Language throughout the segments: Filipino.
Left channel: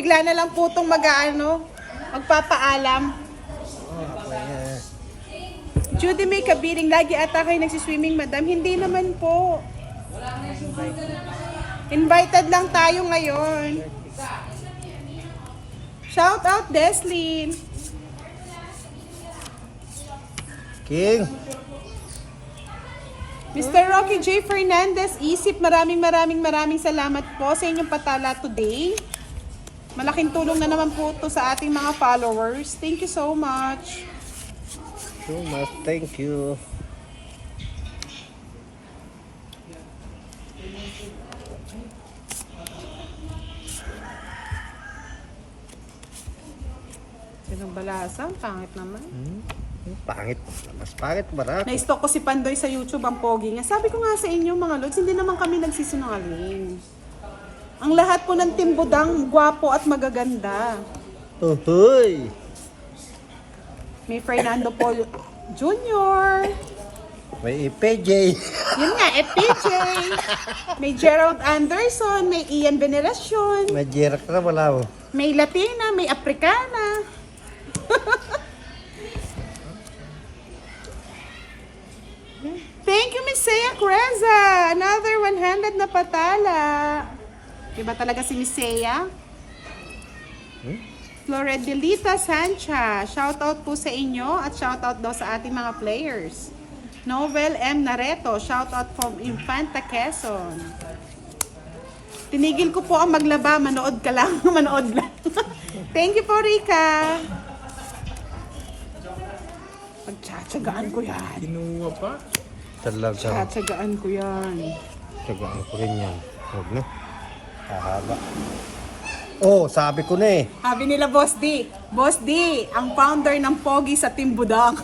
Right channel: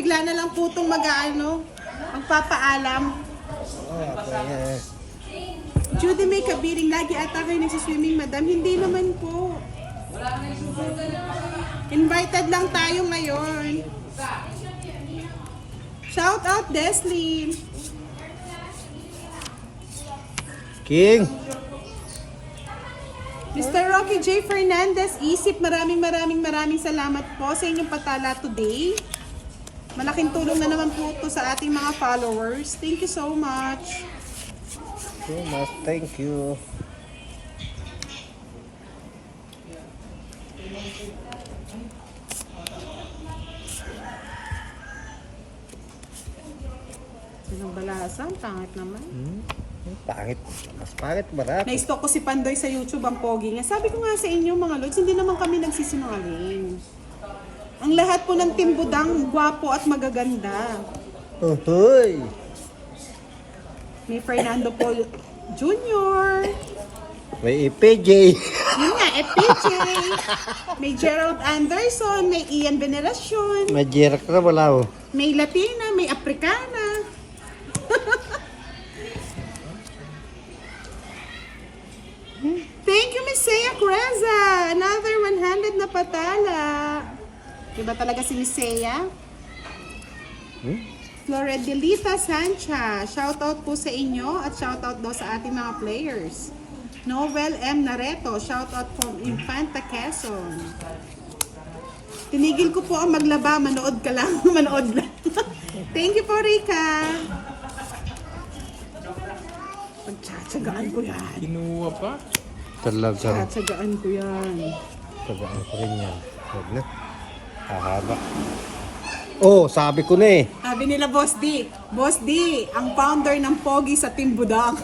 bigla na lang po itong magpapaalam. Judy May Kabiring, lagi ata kayo nagsiswimming, madam. Hindi naman po. Invited lang tayo ngayon. Shout out, Deslin. King. Mr. Rocky J. Fernandez, Isip, maraming salamat po sa inyong patala today. Malaking tulong na naman po ito sa ating mga followers. Thank you so much. Thank you. Sinong balasan? Pangit naman. Pangit. Mas pangit marami. Na-stalk ko si Pandoy sa YouTube, ang pogi nga. Sabi ko nga sa inyo mga lods, hindi naman kami nagsisinungaling. Ang lahat po ng Team Budang, gwapo at magaganda. Uhoy! May Fernando Paul Jr. May EPJ. Yun nga, FPJ. May Gerald Anderson, may Ian Veneracion. May Jerak na wala oh. May Latina, may Africana. Thank you, Miss Seiya Creza. Another 100 na patala. Diba talaga si Miss Seiya? Floredelita Sancha. Shoutout po sa inyo at shoutout daw sa ating mga players. Novel M. Nareto. Shoutout from Infanta Quezon. Tinigil ko po ang maglaba. Manood ka lang. Manood lang. Thank you po, Rika. Pagtsatsagaan ko yan. Kinuha pa? Talaga. Pagtsatsagaan ko yan. Tagaan ko rin yan. Huwag na. Hahaba. Oh, sabi ko na eh. Sabi nila, Boss D. Boss D, ang founder ng Pogi sa Team Budang.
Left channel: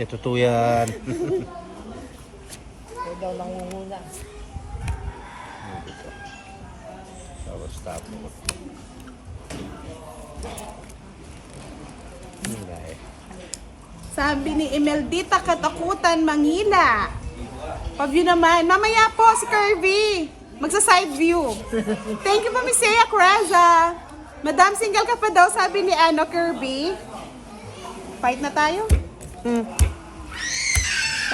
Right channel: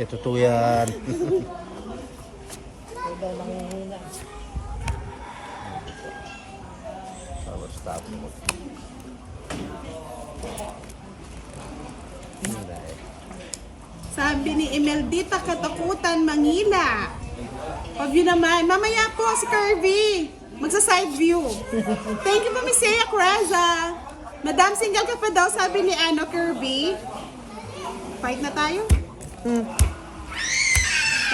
Ito to yan. Sabi ni Imeldita Katakutan, Mangila. Paview naman. Mamaya po si Kirby. Magsa-side view. Thank you po, Miss Seiya Craza. Madam, single ka pa daw, sabi ni Kirby. Fight na tayo?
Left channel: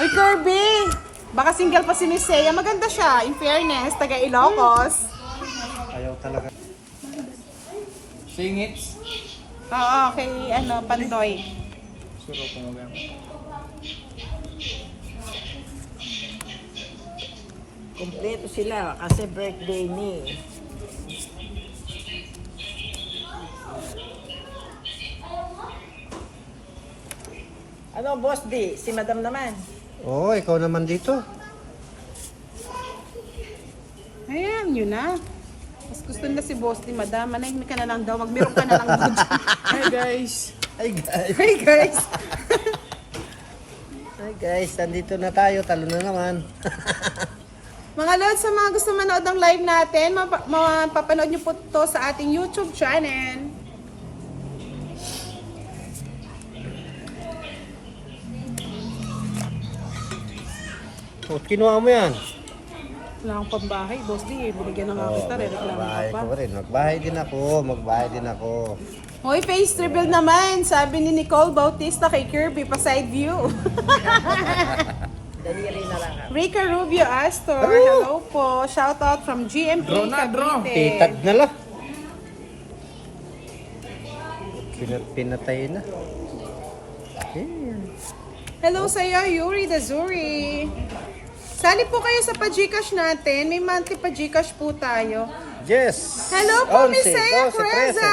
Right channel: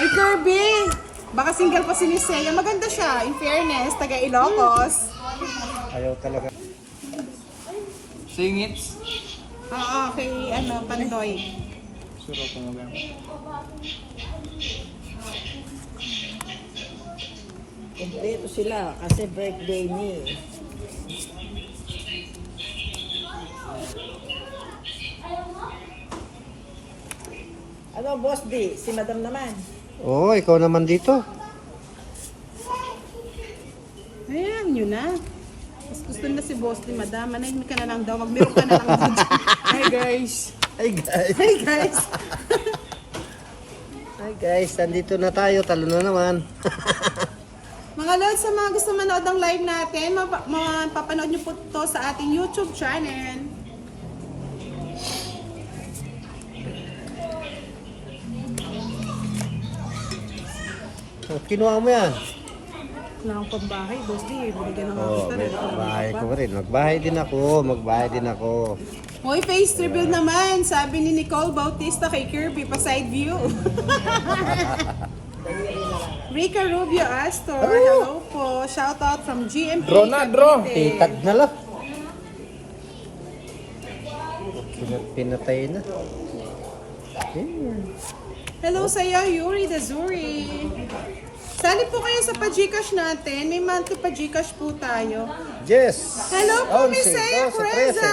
Ay, Kirby! Baka single pa si Miss Seiya. Maganda siya, in fairness, taga Ilocos. Ayaw talaga. Singits? Oo, kay Pandoy. Suro ko mo Kompleto sila kasi birthday ni. Ano, Boss D? Si Madam naman. Oo, ikaw naman dito. Ayan, yun na. Mas gusto na si Boss ni Madam. Manahimik ka na lang daw. Magmeron ka na lang doon. Hi guys! Hi guys. Hey guys! Hi guys, nandito na tayo. Talo na naman. Mga lods, sa mga gusto manood ng live natin, mapapanood nyo po to sa ating YouTube channel. Oh, kinuha mo yan. Wala akong pambahay, Boss D. Binigyan na nga kita. Magbahay ko rin. Magbahay din ako. Magbahay din ako. Hoy, face reveal naman. Sabi ni Nicole Bautista kay Kirby, pa side view. Rica Rubio Astor, hello po. Shout out from GMP Draw na, draw. Cavite. Titad na lang. Pinatay na. Ayan. Hello sa iyo, Yuri Dazuri. Sali po kayo sa pa-Gcash natin. May monthly pa-Gcash po tayo. Yes! Hello po, 11, Miss Seiya 12, Creza.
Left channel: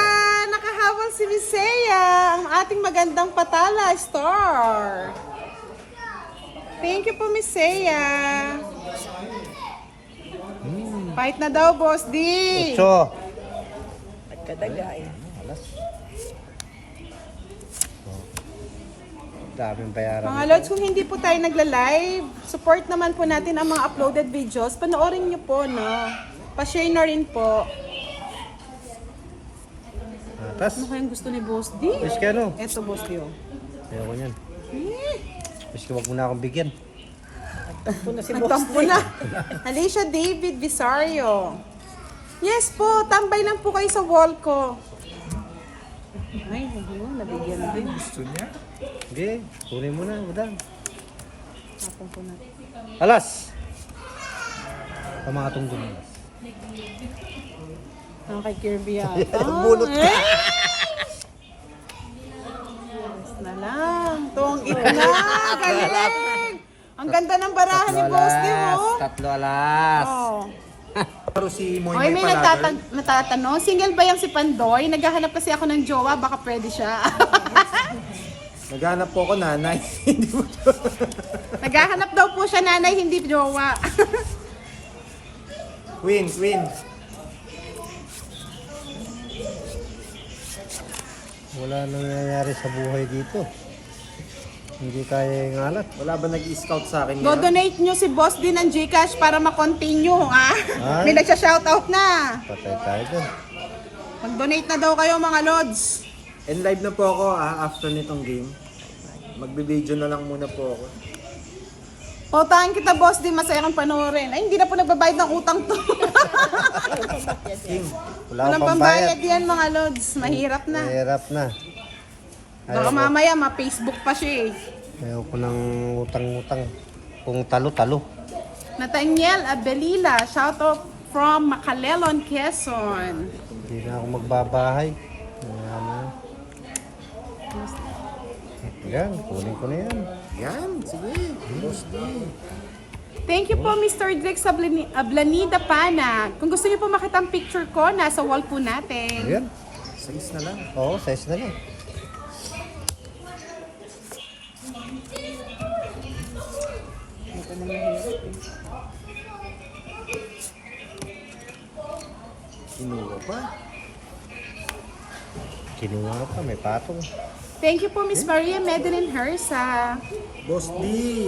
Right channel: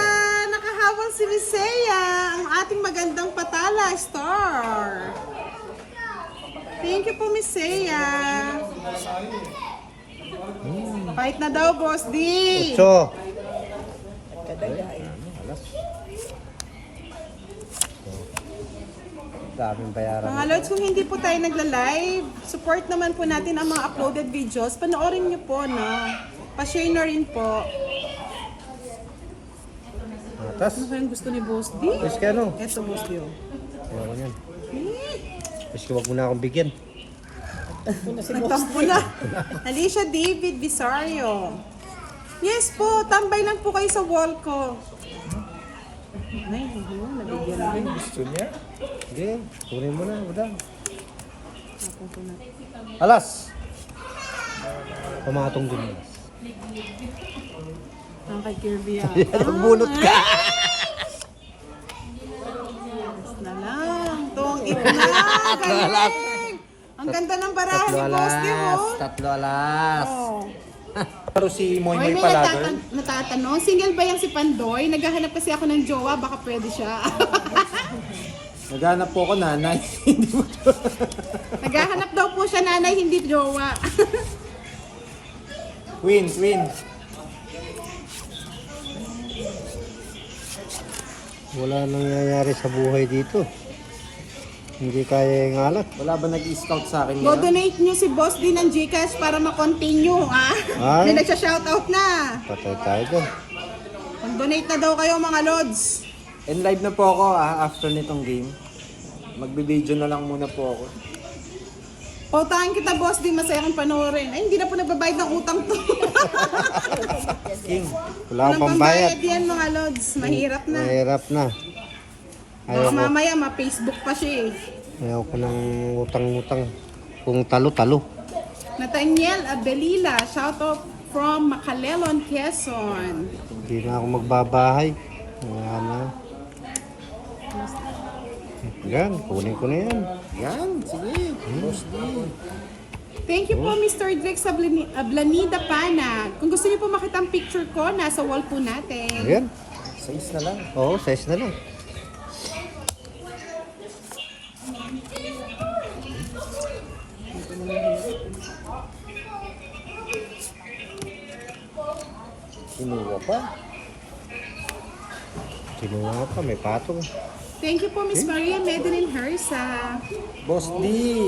Nakahabol si Miss Seiya, ang ating magandang patala star. Thank you po, Miss Seiya. Fight na daw, Boss D. 8. Kadagain. Alas. Daming bayaran. Mga lods, kung hindi po tayo nagla-live, support naman po natin ang mga uploaded videos. Panoorin niyo po, no? Pa-share na rin po. Atas. Ano kayang gusto ni Boss D? Wish ka no? Eto, Boss D, oh. Ayaw ko yan. Wish ka wag mo na akong bigyan. Nagtampo na. Alicia David Visario. Yes po, tambay lang po kayo sa wall ko. Ay, nabigyan na din. Gusto niya? Sige, kunin mo na, udang. Tapon ko na. Alas! Pamatong din alas. Ang kay Kirby yata. Bunot ka. Yes na lang. Tungit na. Galing. Ang ganda ng barahan ni Boss Di mo. Tatlo alas. Oh. Pero si Moy Oy, Moy may pala, girl. natatanong. Single ba yung si Pandoy? Naghahanap kasi ako ng jowa. Baka pwede siya. Naghanap po ako nanay. Naghahanap daw po siya nanay, hindi jowa. Queen. Wala nangyayari sa buhay dito. Hindi kaya yung alat. Wala ba nag-scout sa akin Go yan? donate nyo si Boss din ng Gcash para ma-continue, ha? Ay. May nagsha-shoutout na. Patay tayo doon. Mag-donate na daw kayo, mga lods. And live na po ako after nitong game. Magbe-video na lang muna po ako. Pautahan kita, Boss din. Masaya kang panoorin. Ay, hindi na po nagbabayad ng utang to. King. Wala Walang akong pambayad. pambayad yan, mga lods. Mahirap na. Mahirap na. Baka mamaya, ma-Facebook pa siya eh. Ayaw ko ng utang-utang. Kung talo-talo. Nathaniel Abelila, shoutout from Macalelon, Quezon. Hindi na ako magbabahay. Wala na. Yan, kunin ko na yan. Yan, sige. Boss D. Thank you po, Mr. Drex Ablanida Pana. Kung gusto niyo po makita ang picture ko, nasa wall po natin. Ayan. Size na lang. Oo, size na lang. Inuwa pa. Kinuha pa, may patong. Thank you po, Miss Maria Medelin Hersa. Boss D,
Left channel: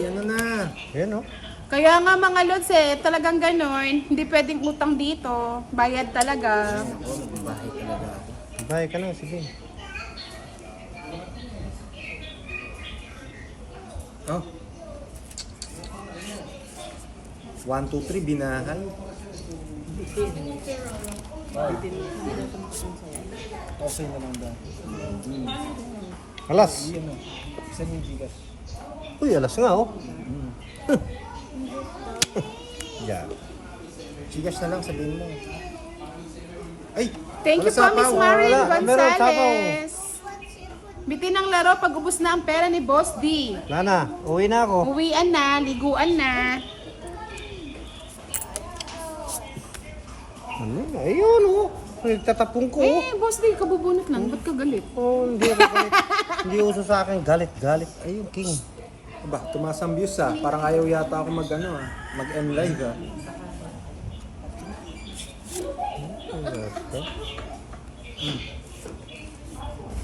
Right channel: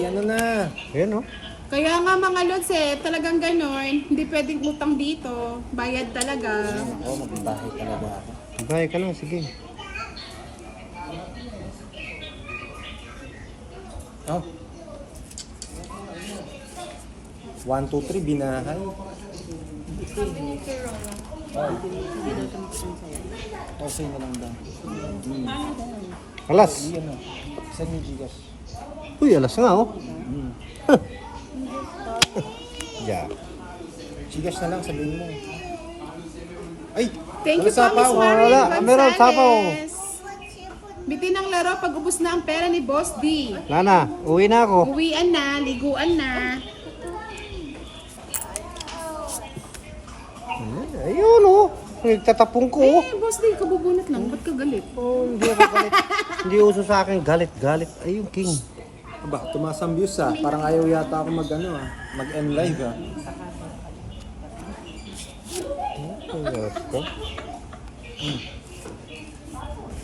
ano na? Ayan, oh. Kaya nga mga lods talagang ganon. Hindi pwedeng utang dito. Bayad talaga. Ako, magbabahay talaga ako. Bahay ka na, sige. Oh. 1, 2, 3, binahay. Okay na lang doon. Alas. Saan yung Gcash? Uy, alas nga, oh. Yeah. Gcash na lang, sabihin mo. Ay! Thank you wala po, Miss sapaw. Marie Wala, meron sapaw. Gonzales. Bitin ang laro pag ubos na ang pera ni Boss D. Lana, uwi na ako. Uwian na, liguan na. Ayun, oh. Nagtatapong ko, oh. Boss D, kabubunot lang. Ba't ka galit? Oh, hindi ako galit. Hindi uso sa akin galit. Ayun, King. Aba, tumaas ang views ah. Parang ayaw yata ako mag-end live ah.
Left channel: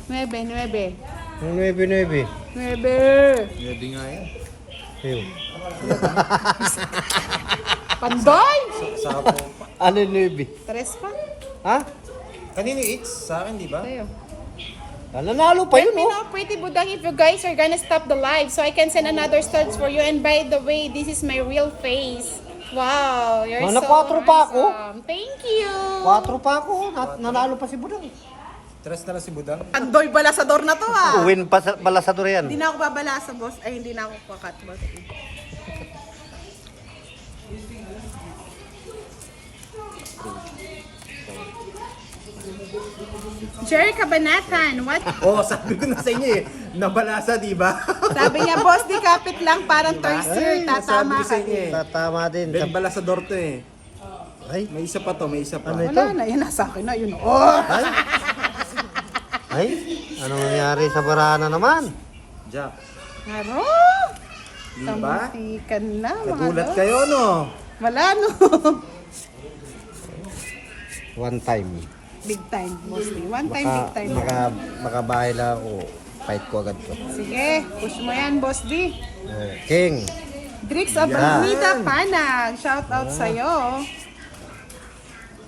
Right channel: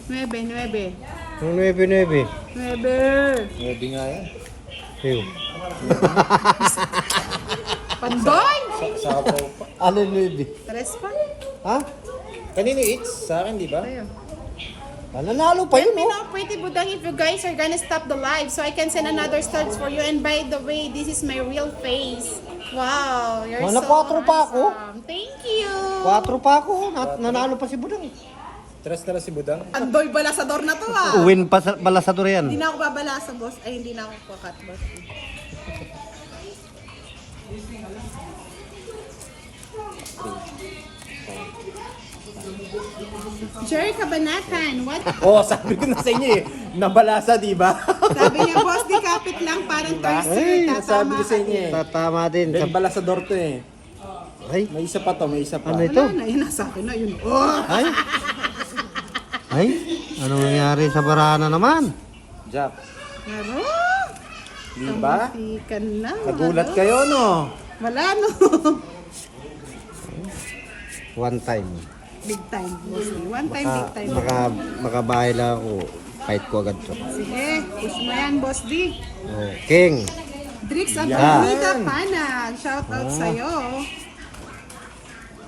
Nuebe. Ang 9-9. Nuebe. Ready nga yan. Ayun. Pandoy! Sa po. Ano 9? Tres pa. Ha? Kanino it's? Sa akin, di ba? Tayo. Nanalo pa Let yun, me oh. know, Pretty Budang, if you guys are gonna stop the live so I can send another stars for you. And by the way, this is my real face. Wow, you're Mana so 4 pa ako? handsome. Thank you. 4 pa ako. Nanalo pa si Budang. Tres na lang si Budang. Andoy balasador na to ah. Win pa sa balasador yan. Hindi na ako babalasa, boss. Ay, hindi na ako kakat, boss. Jerry Cabanatan, what? Oo, sabi ko na sa inyo eh. Nabalasa, di ba? Sabi niya, boss, di kapit lang, parang Ay, thirster, sabi tatama ko ka. sa inyo eh. Tatama din. Then balasador to eh. Ay, May isa pa to, may isa pa. Ano ito? Wala na, yun nasa akin na, yun. Oh! ay. Ano nangyari sa barana naman? Jack, Naro! di ba? Kamasikan na. mga Nagulat lods. kayo, no? Wala, no? One time. Big time, mostly. One time, big time. Makabahay lang ako. Fight ko agad to. Sige, push mo yan, boss D. Oh, King. Drix Abunida Panag, shout out sa'yo.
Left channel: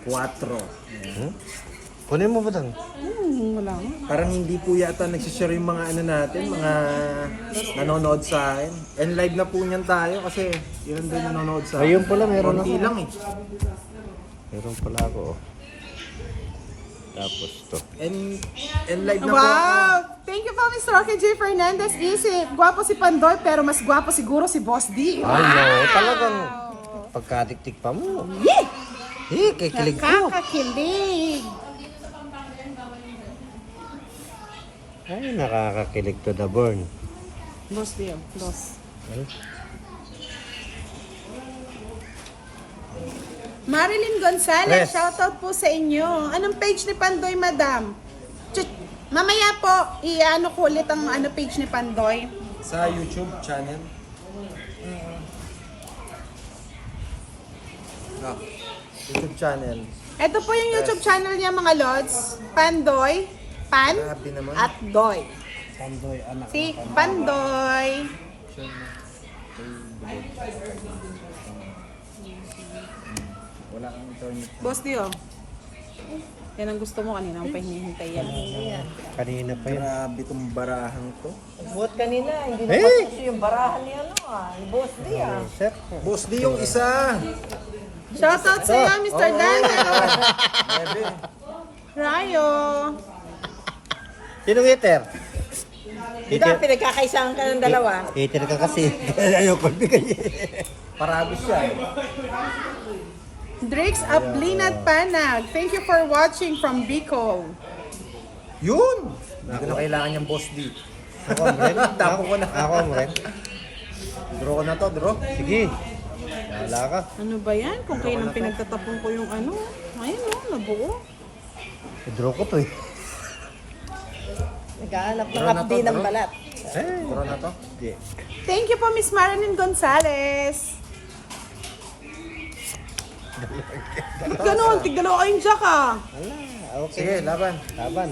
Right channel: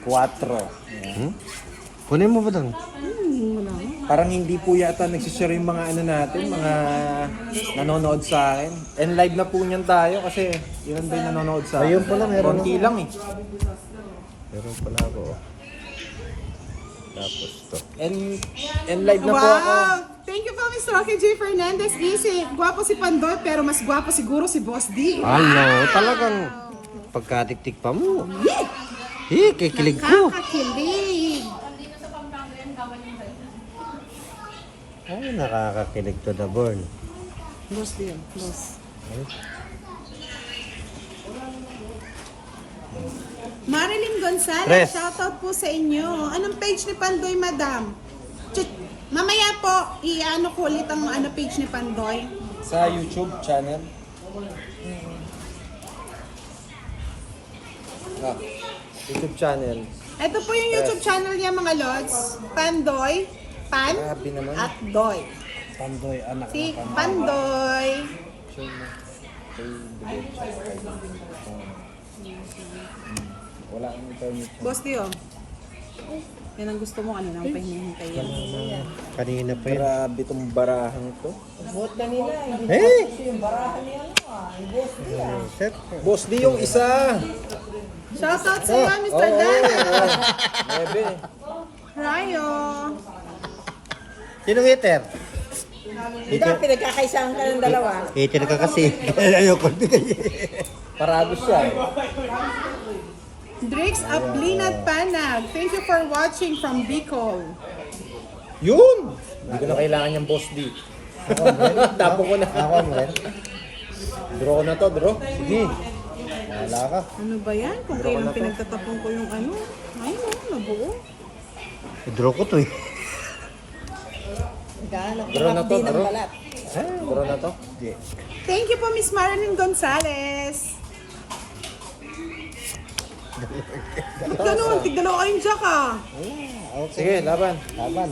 4. Kunin mo ba dang? Wala nga. Parang hindi po yata nagsishare yung mga ano natin, mga nanonood sa akin. And live na po niyan tayo kasi ilan ba yung nanonood sa akin? Ayun pala, meron Konti lang eh. Meron pala ako. Oh. Tapos to. And live na po ako. Wow! Thank you po, Mr. Rocky J. Fernandez. Easy. Gwapo si Pandoy, pero mas gwapo siguro si Boss D. Ay, talagang pagkatiktik pa mo. Kikilig ko. Nakakakilig. Ay, nakakakilig to the burn. Boss D, boss. Ay, Marilyn Gonzalez, Tres. shoutout po sa inyo. Anong page ni Pandoy, madam? Mamaya po, i-ano ko ulit ang page ni Pandoy. Sa YouTube channel. YouTube channel. Ito po yung YouTube channel niya, mga lods. Pandoy, Pan, Grabe naman. at Doy. Pandoy, anak. Si Pandoy. Wala kang internet. Boss Dio. Yan ang gusto mo kanina, ang pahinihintay yan. Kanina pa yun. Grabe tong barahang to. Buhat kanina, hindi Eh! kasi yung barahan niya, yung boss niya. Sir. Boss D yung isa. Shoutout sa iyo, Mr. Dario. Bebe. Rayo. Sino hater? Di ba pinagkakaisahan ka ng dalawa? Hater ka kasi. Ayoko bigay. Paragos siya. Drix Aplinat Panag. Thank you for watching from Bicol. Yun! Hindi ko na kailangan yung Boss D. Ako, Amren. Tapo ko na. Ako, Amren. Draw ko na to, draw. Sige. Wala ka. Ano ba yan? Kung kailan pinagtatapon ko yung ano. Ayun o, nabuo. I-draw ko to eh. Naghahanap ko Draw na to, kapdi ng draw. balat. Draw na to. Hindi. Thank you po, Miss Marilyn Gonzalez. Ganun, tigdalawa kayong jack ah. Okay. Sige, laban. Laban.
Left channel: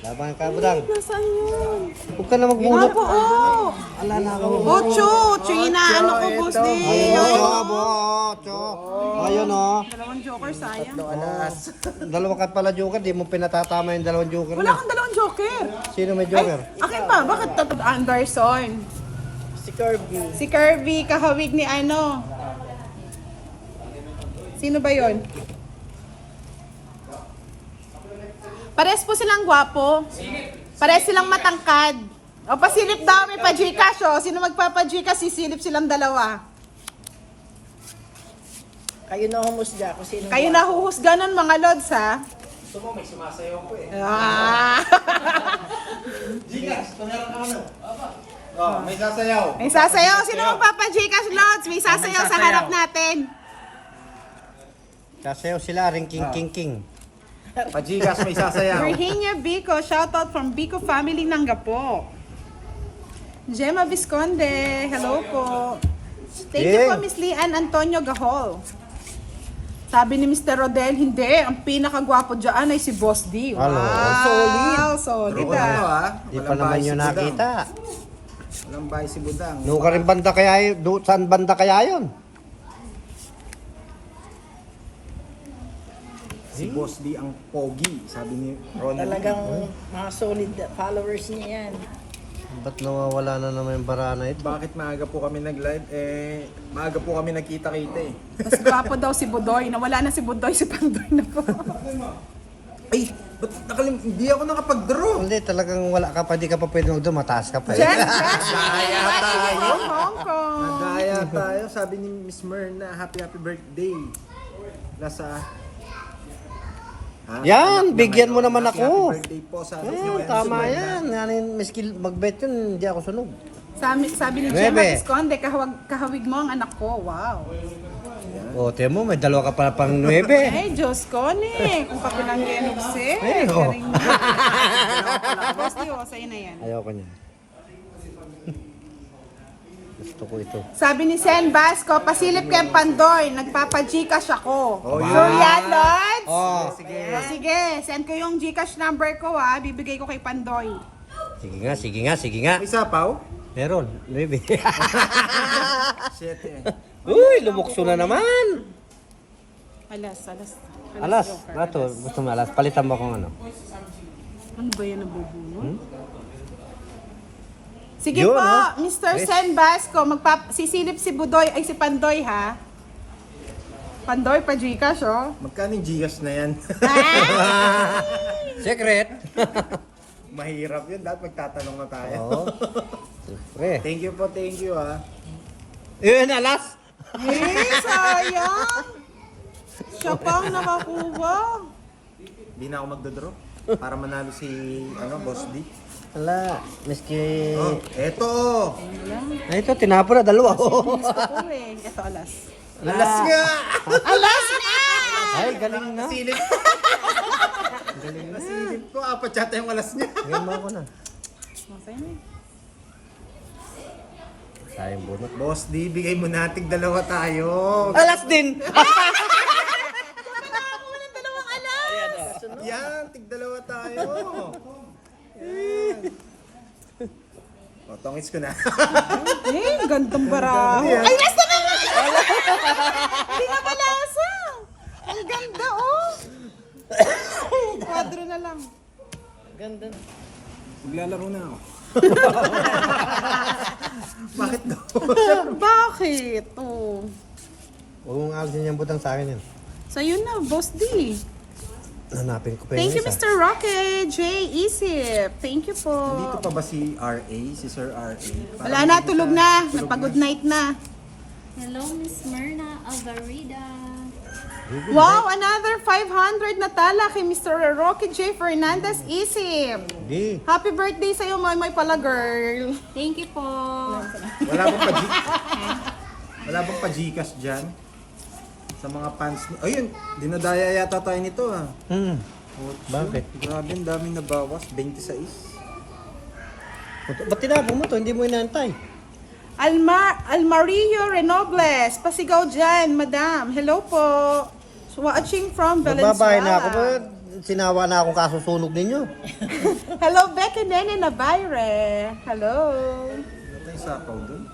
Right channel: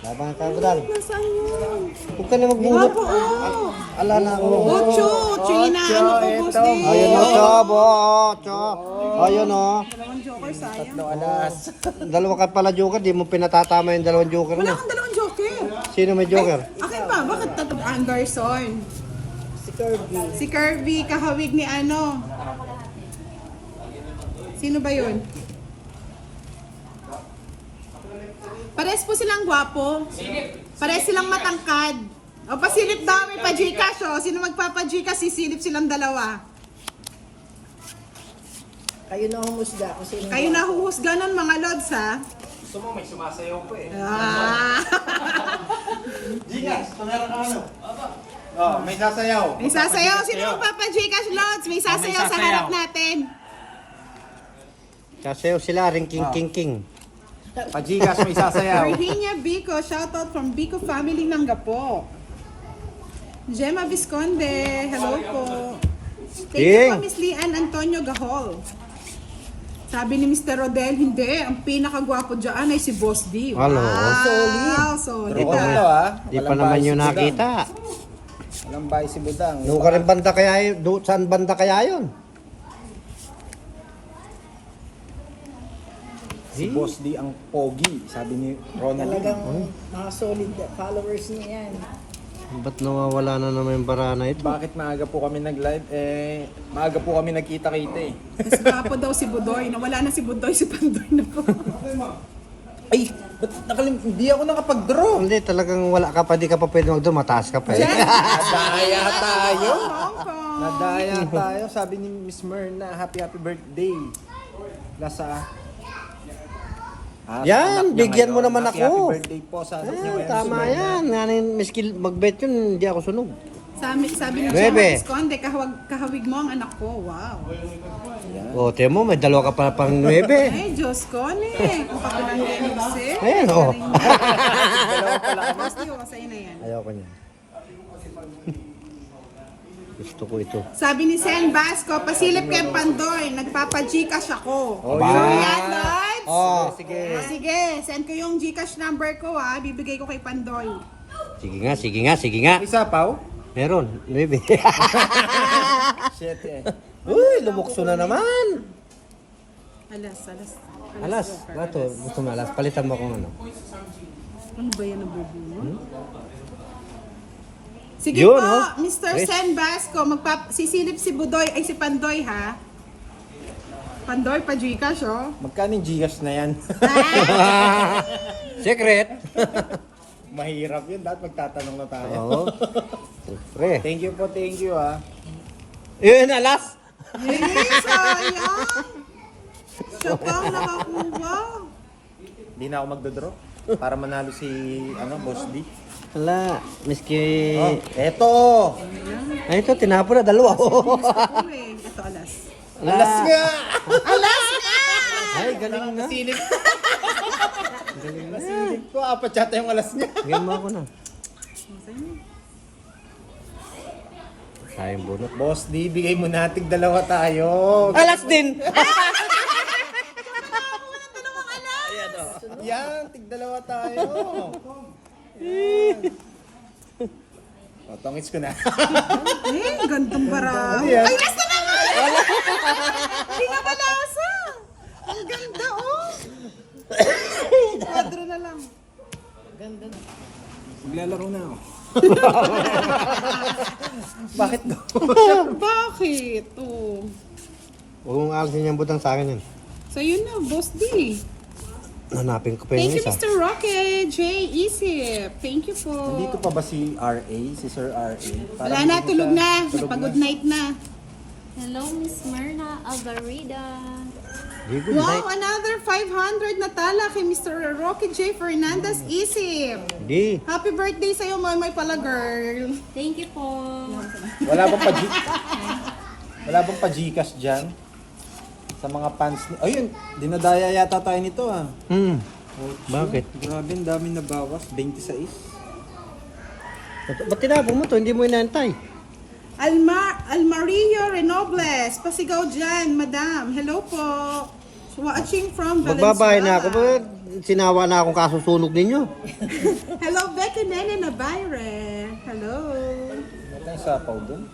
Laban ka, budang. Nasaan yun? Huwag ka na magbunot. Nga po, oh. Ala na ako. Ocho! China, ano ko, boss ito. din. Ayun o, Chob. Ocho. Ayun o. Dalawang joker, sayang. Alas. Dalawa ka pala joker. Di mo pinatatama yung dalawang joker Wala na. kang dalawang joker. Sino may joker? Akin pa, bakit tatlo? Anderson. Si Kirby. Si Kirby, kahawig ni ano. Sino ba yon? Pares po silang gwapo. Pares silang matangkad. O pasilip daw, may pa-Gcash o. Sino magpapa-Gcash, sisilip silang dalawa. Kayo na humusga kung sino. Kayo nahuhusga nun mga lods ha. Gusto mo, may sumasayaw ko eh. Ah. May sasayaw. May sasayaw. Sino magpapa-Gcash lods? May sasayaw sa harap natin. Sasayaw sila, ring king king king. Pajigas, may sasayaw. Virginia Bico, shoutout from Bico family ng Gapo. Gemma Visconde, hello po. Thank you po, Miss Lian Antonio Gahol. Sabi ni Mr. Rodel, hindi. Ang pinakagwapo dyan ay si Boss D. Wow, Hello. solid Draw ko na to ah. ah. Di pa Walang naman bahay yun si Budang. nakita. Walang bahay si Budang. Doon ka rin banda kaya yun? Saan banda kaya yun? Si Boss D ang pogi, sabi ni Ronald. Talagang mga solid followers niya yan. Ba't nawawala na naman yung bara na ito? Bakit maaga po kami nag-live? Maaga po kami nagkita-kita eh. Mas gwapo daw si Budoy. Nawala na si Budoy, si Pandoy na po. Ay, ba't hindi ako nakapag-draw? Hindi, talagang wala ka pa, di ka pa pwede mag-draw, mataas ka pa. Jen, Nadaya tayo. Hong Kong. Nadaya tayo. Sabi ni Miss Myrna, happy birthday. Nasa... Yan, bigyan mo naman Happy ako. birthday po. Sabi Eh, niyo ngayon, tama si Myrna. yan. Yan, miski mag-bet yun, hindi ako sunog. Sabi ni Bebe. Gemma Visconde, kahawig mo ang anak ko. Wow. O, tiyan mo, may dalawa ka pala pang 9. Ay, Diyos ko ni. Kung kapilang genugsi. Ayan, oh. Boss D, sa'yo na yan. Ayoko niya. Gusto ko ito. Sabi ni Sen Basco, pasilip kay Pandoy, nagpapa-Gcash ako. Oh, Sure yan, Lods? Oh, Sige. Sige, send ko yung Gcash number ko ha, bibigay ko kay Pandoy. sige nga, sige nga, sige nga. Isa paw? Meron, 9. Shit eh. Uy, lumukso na naman. Alas. Alas, nato, gusto mo alas. Palitan mo kung ano. Ano ba yan nabubunod? Sige Yun, po, oh. Mr. Yes. Sen Basco, sisilip si Budoy, ay si Pandoy ha. Pandoy pa Gcash, oh. Magkano yung Gcash na yan? Secret. Mahirap yun. Dapat magtatanong na tayo. Oo. Siyempre. Thank you po, thank you ah. Yun, alas. Sayang! Siya pang nakakuha. Hindi na ako magdodraw para manalo si Boss D. Wala. Miski... Oh, eto! Ay, ito, tinapon na. Dalawa. Ako eh. Ito, alas. Alas nga! Alas nga! Ay, galing na. Silip. Galing na. Silip ko, apat yata yung alas niya. Game mo ako na. Masaya. Sayang bunot. Boss D, bigay mo nating dalawa tayo. Alas din! Yan, tig dalawa tayo. O, tongits ko na. Gandang baraho. Yan. Ay, nasa na nga! Pinabalasa! Ang ganda, oh! Kwadro na lang. Maglalaro na ako. Bakit daw? Bakit? Oh. Huwag mong alisin yung butang sa akin yun. Sa'yo na, Boss D. Hanapin ko pa yung Thank you, isa. Mr. Rocket. J. Isip. Thank you po. Nandito pa ba si R.A., si Sir R.A.? Wala na, tulog na. Tulog Pag-good na. night na. Hello, Miss Myrna Alvarida. Good Wow, night. another 500 na tala kay Mr. Rocket J. Fernandez Isip. Di. Happy birthday sa'yo, May pala girl. Thank you po. Wala bang Wala bang pa-Gcash dyan? Sa mga fans ni... Ayun, dinadaya yata tayo nito ah. Oh, Bakit? Grabe, ang dami na bawas. 26. Ba't tinapon mo to? Hindi mo inaantay. Almario Renobles. Pasigaw dyan, madam. Hello po. Watching from Magbabahay na ako. Valenzuela. Ba't sinawa na akong kasusunog ninyo? Hello, Becky Nene Navarre. Hello. Ano tayong sapaw dun?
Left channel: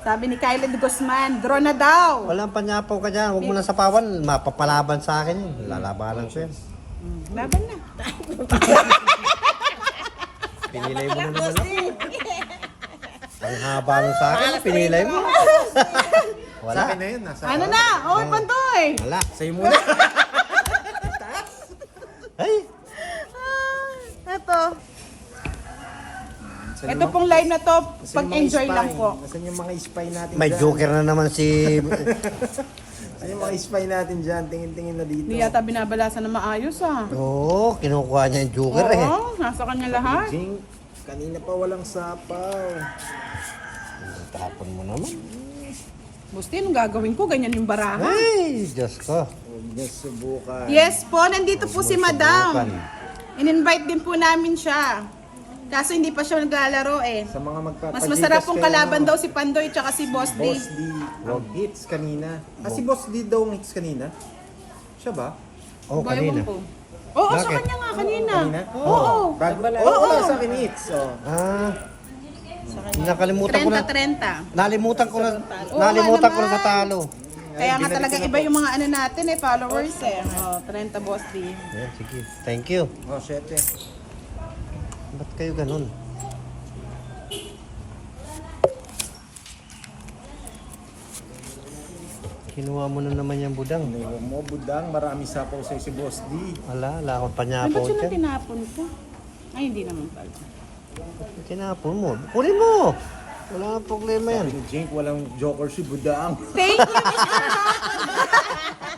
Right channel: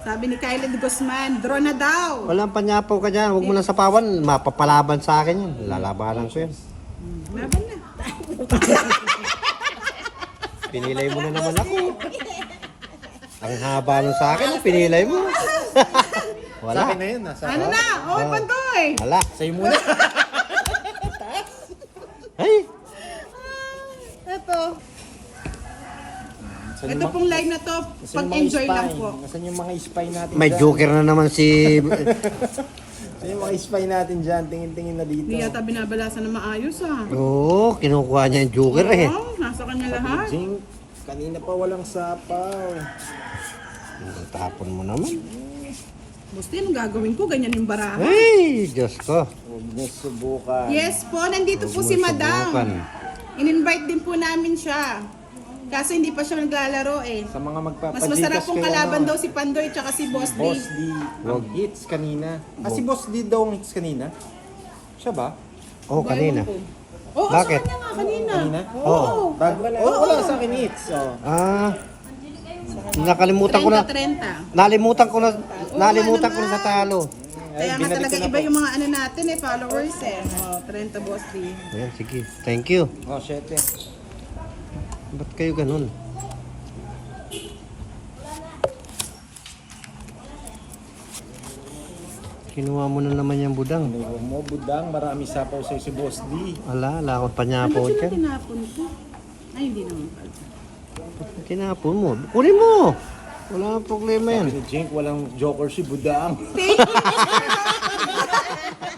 Sabi ni Kylie Guzman, draw na daw. Walang panyapaw ka dyan. Huwag mo lang sapawan. Mapapalaban sa akin yun. Lalabanan ko yun. Laban na. Pinilay mo na naman ako. Ang haba nun sa akin. Pinilay mo. Sa Wala. akin na yun ah. Sa Ano na? Oh, Pandoy. Wala. Sa'yo muna. Ay. Ito. Nasaan Ito yung pong live na to, nasaan yung mga pag-enjoy spy? lang po. Nasaan yung mga spy natin May dyan? joker na naman si... Nasaan yung mga spy natin dyan? Tingin-tingin na dito. Hindi yata binabalasan na maayos ah. Oo, kinukuha niya yung joker eh. Oo, nasa kanya lahat. Jing, kanina pa walang sapaw. Tapon mo naman. Busti, anong gagawin ko? Ganyan yung baraha. Ay, Diyos ko. Huwag niyo subukan. Yes po, nandito po si Madam. In-invite din po namin siya. Kaso hindi pa siya naglalaro eh. Sa mga Mas masarap pong kayo, kalaban ano, daw si Pandoy tsaka si Boss D. Boss D, ang hits kanina. Ah, si Boss D daw ang hits kanina? Siya ba? Oh, kanina. Oo, Bakit? sa kanya nga kanina. Kanina? Oo. Bago, wala sa akin hits. Oh. Ah, nakalimutan ko na. 30-30. Nalimutan ko na sa talo. Kaya nga binalik talaga ko na iba po. yung mga ano natin eh, followers eh. Oh, 30 Boss D. Ayan, sige. Thank you. Oh, shit eh. Ba't kayo ganun? Kinuha mo na naman yung budang. Ano mo, budang, marami sapaw sa'yo si Boss D. Wala akong Ano panyapo ba sila dyan. tinapon ko? Ay, hindi naman pala. Kinapon mo. Kunin mo. Wala akong problema yan. Sabi ni Jink, walang joker si budang. Thank you,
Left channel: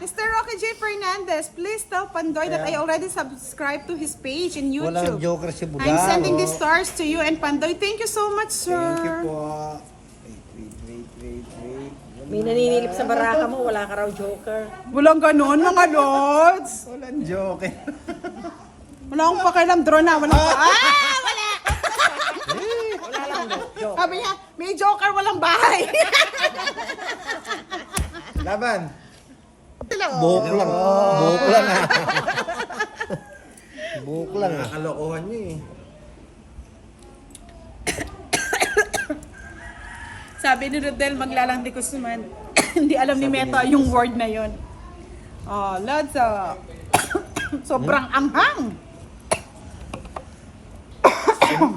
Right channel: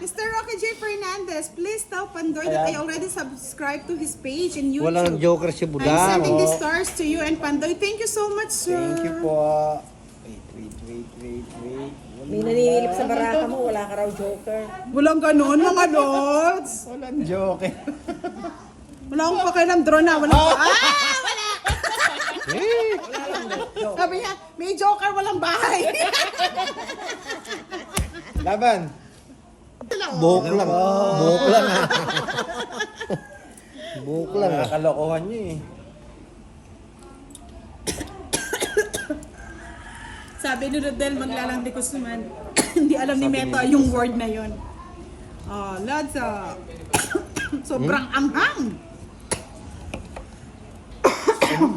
Mr. Rocky J. Fernandez. Please tell Pandoy that I already subscribed to his page in YouTube. Walang joker si I'm budang. sending these stars to you and Pandoy. Thank you so much, sir. Thank you po. Wait. May naninilip sa baraka mo, wala ka raw joker. Walang ganon, mga lods. Walang joker. Wala akong pakialam, drone na. Walang wala! Sabi niya, may joker, walang bahay. Laban. Buhok lang. Buhok lang ah. Buhok lang ah. Nakakalokohan niyo eh. Sabi ni Rodel, maglalandi ko suman. Hindi alam ni Meta yung word na yon. Oh, lods, sobrang anghang.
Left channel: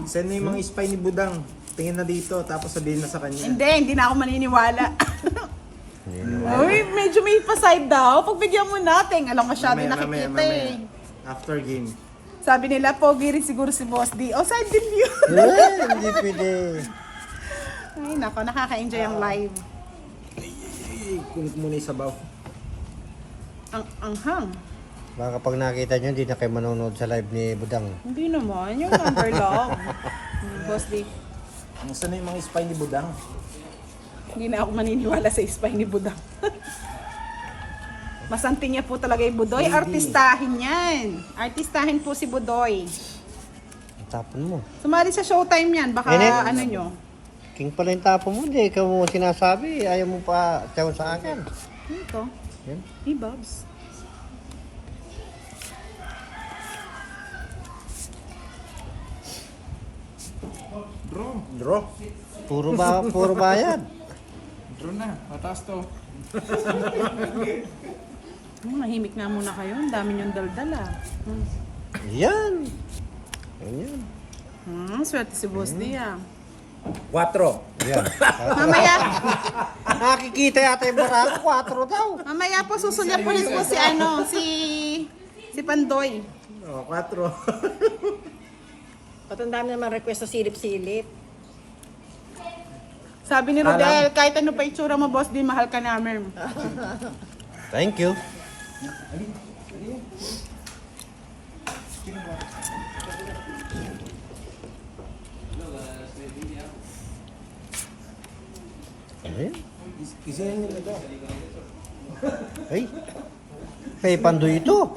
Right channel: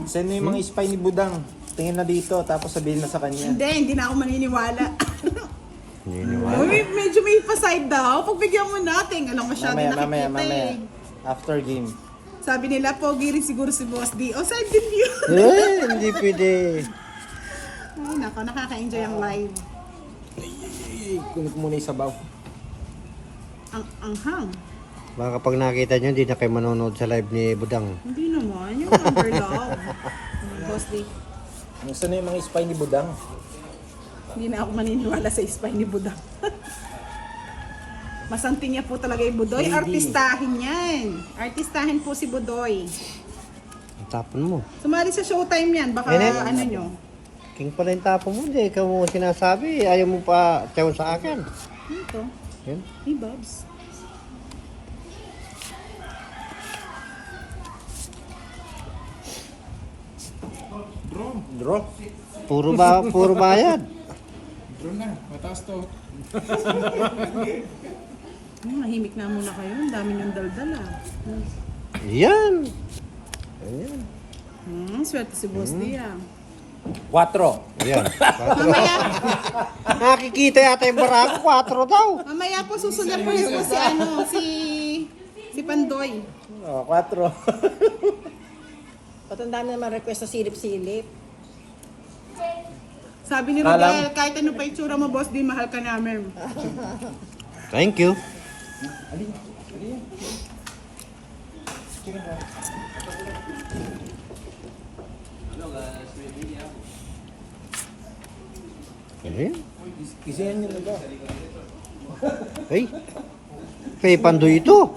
Send mo yung mga spy ni budang. Tingin na dito, tapos sabihin na sa kanya. Hindi na ako maniniwala. Uy, medyo may pa-side daw. Pagbigyan mo natin. Alam, masyado nakikita mamaya. eh. After game. Sabi nila, pogi rin siguro si Boss D. O, side din yun. Hindi pwede. Ay, nako, nakaka-enjoy ang live. Kunin ko muna yung sabaw. Ang anghang. Baka pag nakita nyo, hindi na kayo manonood sa live ni Budang. Hindi naman, yung number lang. Boss D. Nasaan na yung mga spy ni Budang? Hindi na ako maniniwala sa spy ni Budang. Masanti niya po talaga yung Budoy. Hindi. Artistahin yan. Artistahin po si Budoy. Ang tapon mo. Sumali sa showtime yan. Baka Nene. ano nyo. King pala yung tapon mo. Hindi, ikaw mo sinasabi. Ayaw mo pa tiyaw sa akin. Ito. Yan. Hey, Bobs. Draw. Puro bayad. Mahimik na muna kayo. Ang dami niyong daldal ah. Yan. Yan. Swerte si Boss D ah. 4. Yan. Mamaya, Nakikita yata yung barako. 4 daw. mamaya po susunod po po si ano, si Pandoy. Oh, 4. Ba't ang dami naman request sa silip-silip? Sabi ni Rodel, kahit ano pa itsura mo, Boss D, mahal ka namin. Thank you. Ano yan? Isihan nyo nito. Ay. Kay Pandoy ito.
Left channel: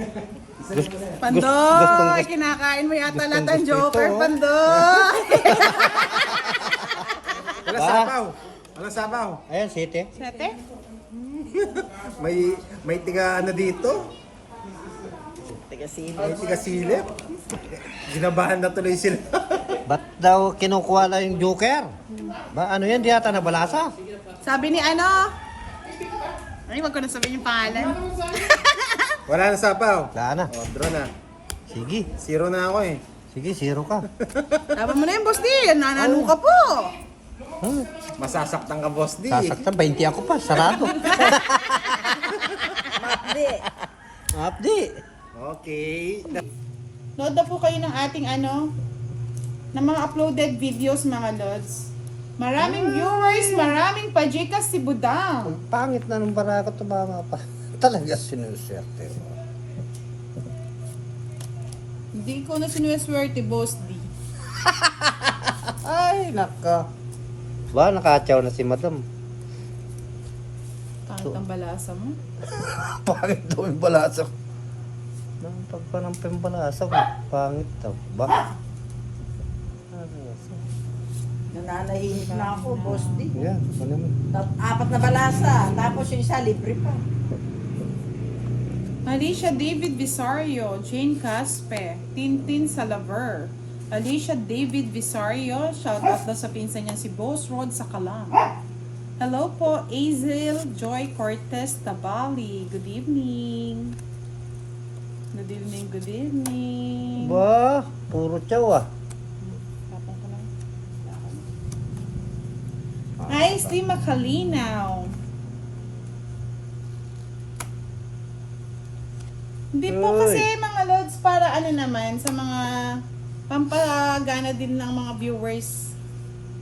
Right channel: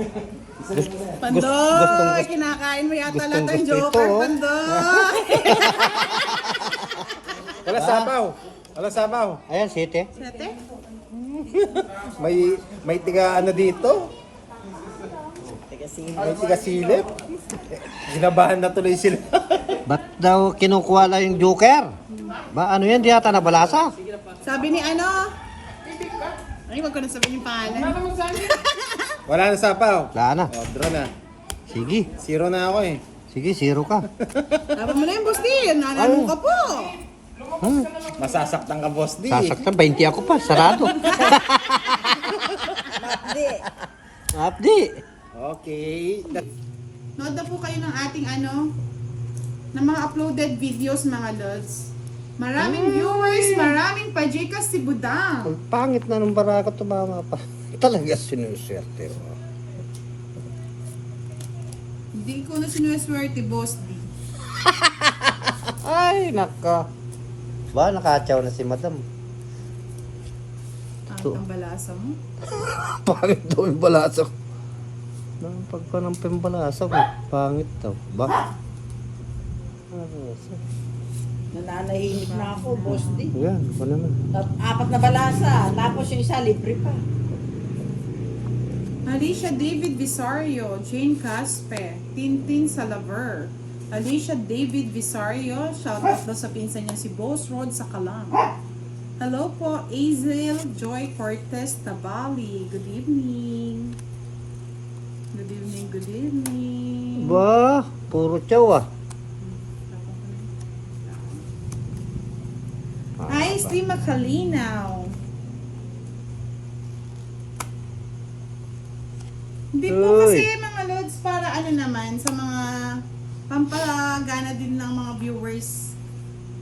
Pandoy, kinakain mo yata lahat ng gusto Joker, ito, oh. Pandoy. Wala sabaw. Wala sabaw. Ayan, 7. Sete? May tiga ano dito? May tiga silip. Ginabahan na tuloy sila. Ba't daw kinukuha lang yung Joker? Ba, ano yan? Di yata nabalasa. Sabi ni ano? Ay, wag ko na sabihin yung pangalan. Wala na sabaw. Wala na. Oh, draw na. Sige. 0 na ako eh. Sige, 0 ka. Tama mo na yun, Boss D. Nananong ka po. Masasaktan ka, Boss D. Sasaktan, 20 ako pa. Sarado. Hindi. Update. Okay. Nood na po kayo ng ating ano, ng mga uploaded videos, mga lods. Maraming viewers, maraming pajikas si Budang. Ang pangit na nung barako tumama pa. Talaga sinuswerte mo. Hindi ko na sinuswerte, Boss D. Ay, naka. Ba, nakatsaw na si Madam. Pangit ang balasa mo. Pangit daw yung balasa. Nang pagpanampi yung balasa mo. Pangit daw. Ba? Nananahimik na ako, Boss D. Yan, ako naman. 4 na balasa, tapos yung isa libre pa. Alicia David Visario, Jane Caspe, Tintin Salaver. Alicia David Visario, shoutout daw sa pinsan niya si Boss Rod sa Kalang. Hello po, Azel Joy Cortez Tabali. Good evening. Good evening, good evening. Ba, puro tsaw ah. Hi, Steve Makalinaw. Hindi po Uy. kasi mga loads para ano naman sa mga pampagana din ng mga viewers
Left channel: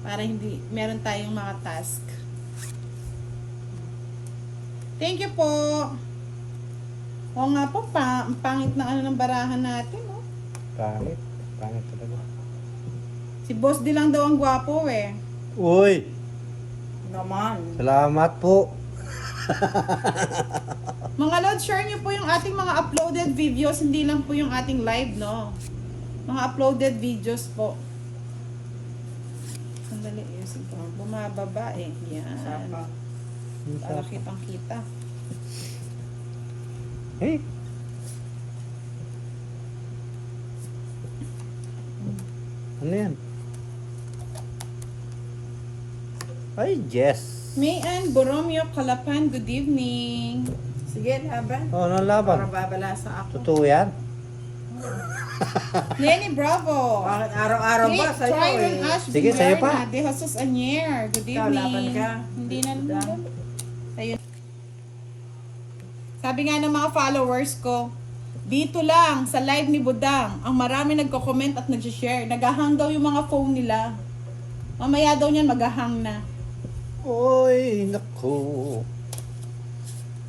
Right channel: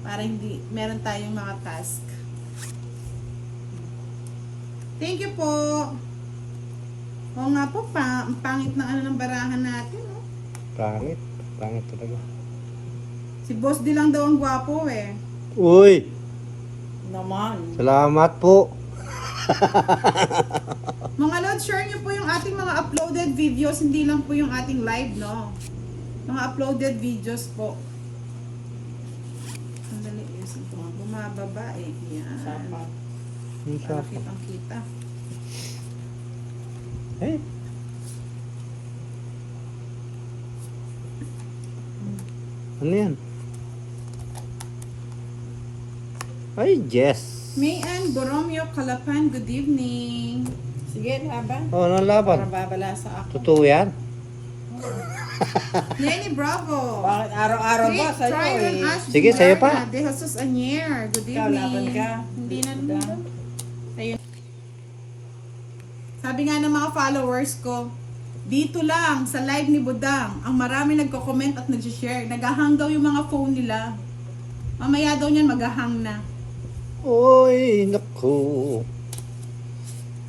para hindi meron tayong mga task. Thank you po. Oo nga po, ang pangit na ano ng barahan natin, no? Pangit. Pangit talaga. Si Boss D lang daw ang gwapo eh. Uy, Naman. salamat po. Mga lods, share nyo po yung ating mga uploaded videos, hindi lang po yung ating live, no? Mga uploaded videos po. Sandali, yes, ito. Bumababa eh. Yan. Para kitang kita. Hey. Ano yan? Ay, yes. Mayan Boromio Calapan, good evening. Sige, laban. Oh, ano laban? Para babala sa ako. Totoo yan? Lenny Bravo. Bakit araw-araw ba sa'yo Tryon eh? Ash Sige, sa'yo pa. Guberna, De Jesus Anier, good Ikaw, laban evening. ka. Hindi na naman. Ayun. Sabi nga ng mga followers ko, dito lang sa live ni Budang, ang marami nagko-comment at nag-share. Nag-hang daw yung mga phone nila. Mamaya daw niyan mag-hang na. Oy, naku.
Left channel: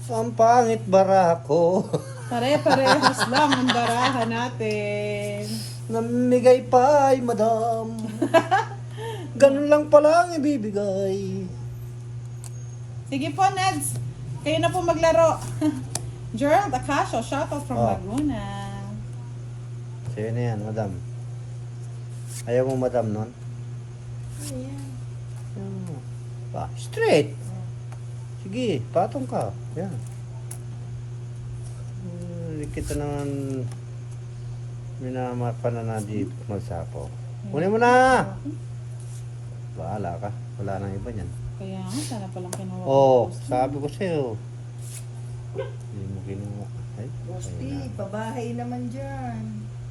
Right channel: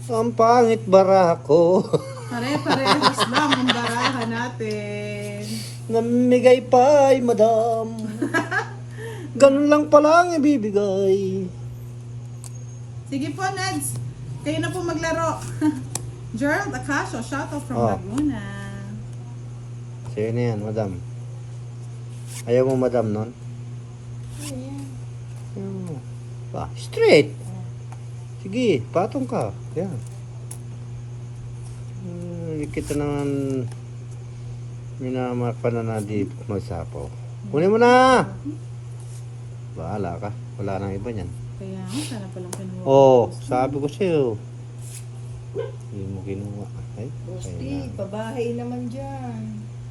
Ang pangit bara ko. Pare-parehas lang ang barahan natin. Namimigay pa ay madam. Ganun lang pala ang ibibigay. Sige po, Neds. Kayo na po maglaro. Gerald Acasio, shoutout from Oh. Laguna. Sino yan, madam? Ayaw mo madam nun? Straight. Sige, patong ka. Yan. Kita naman minamapa na na di magsapaw. Kunin mo na! Bahala ka. Wala nang iba niyan. Kaya nga, sana palang kinuha ko. Oh, sabi ko sa'yo. Hindi mo kinuha. Ay, Boss D, ayun na. pabahay naman dyan.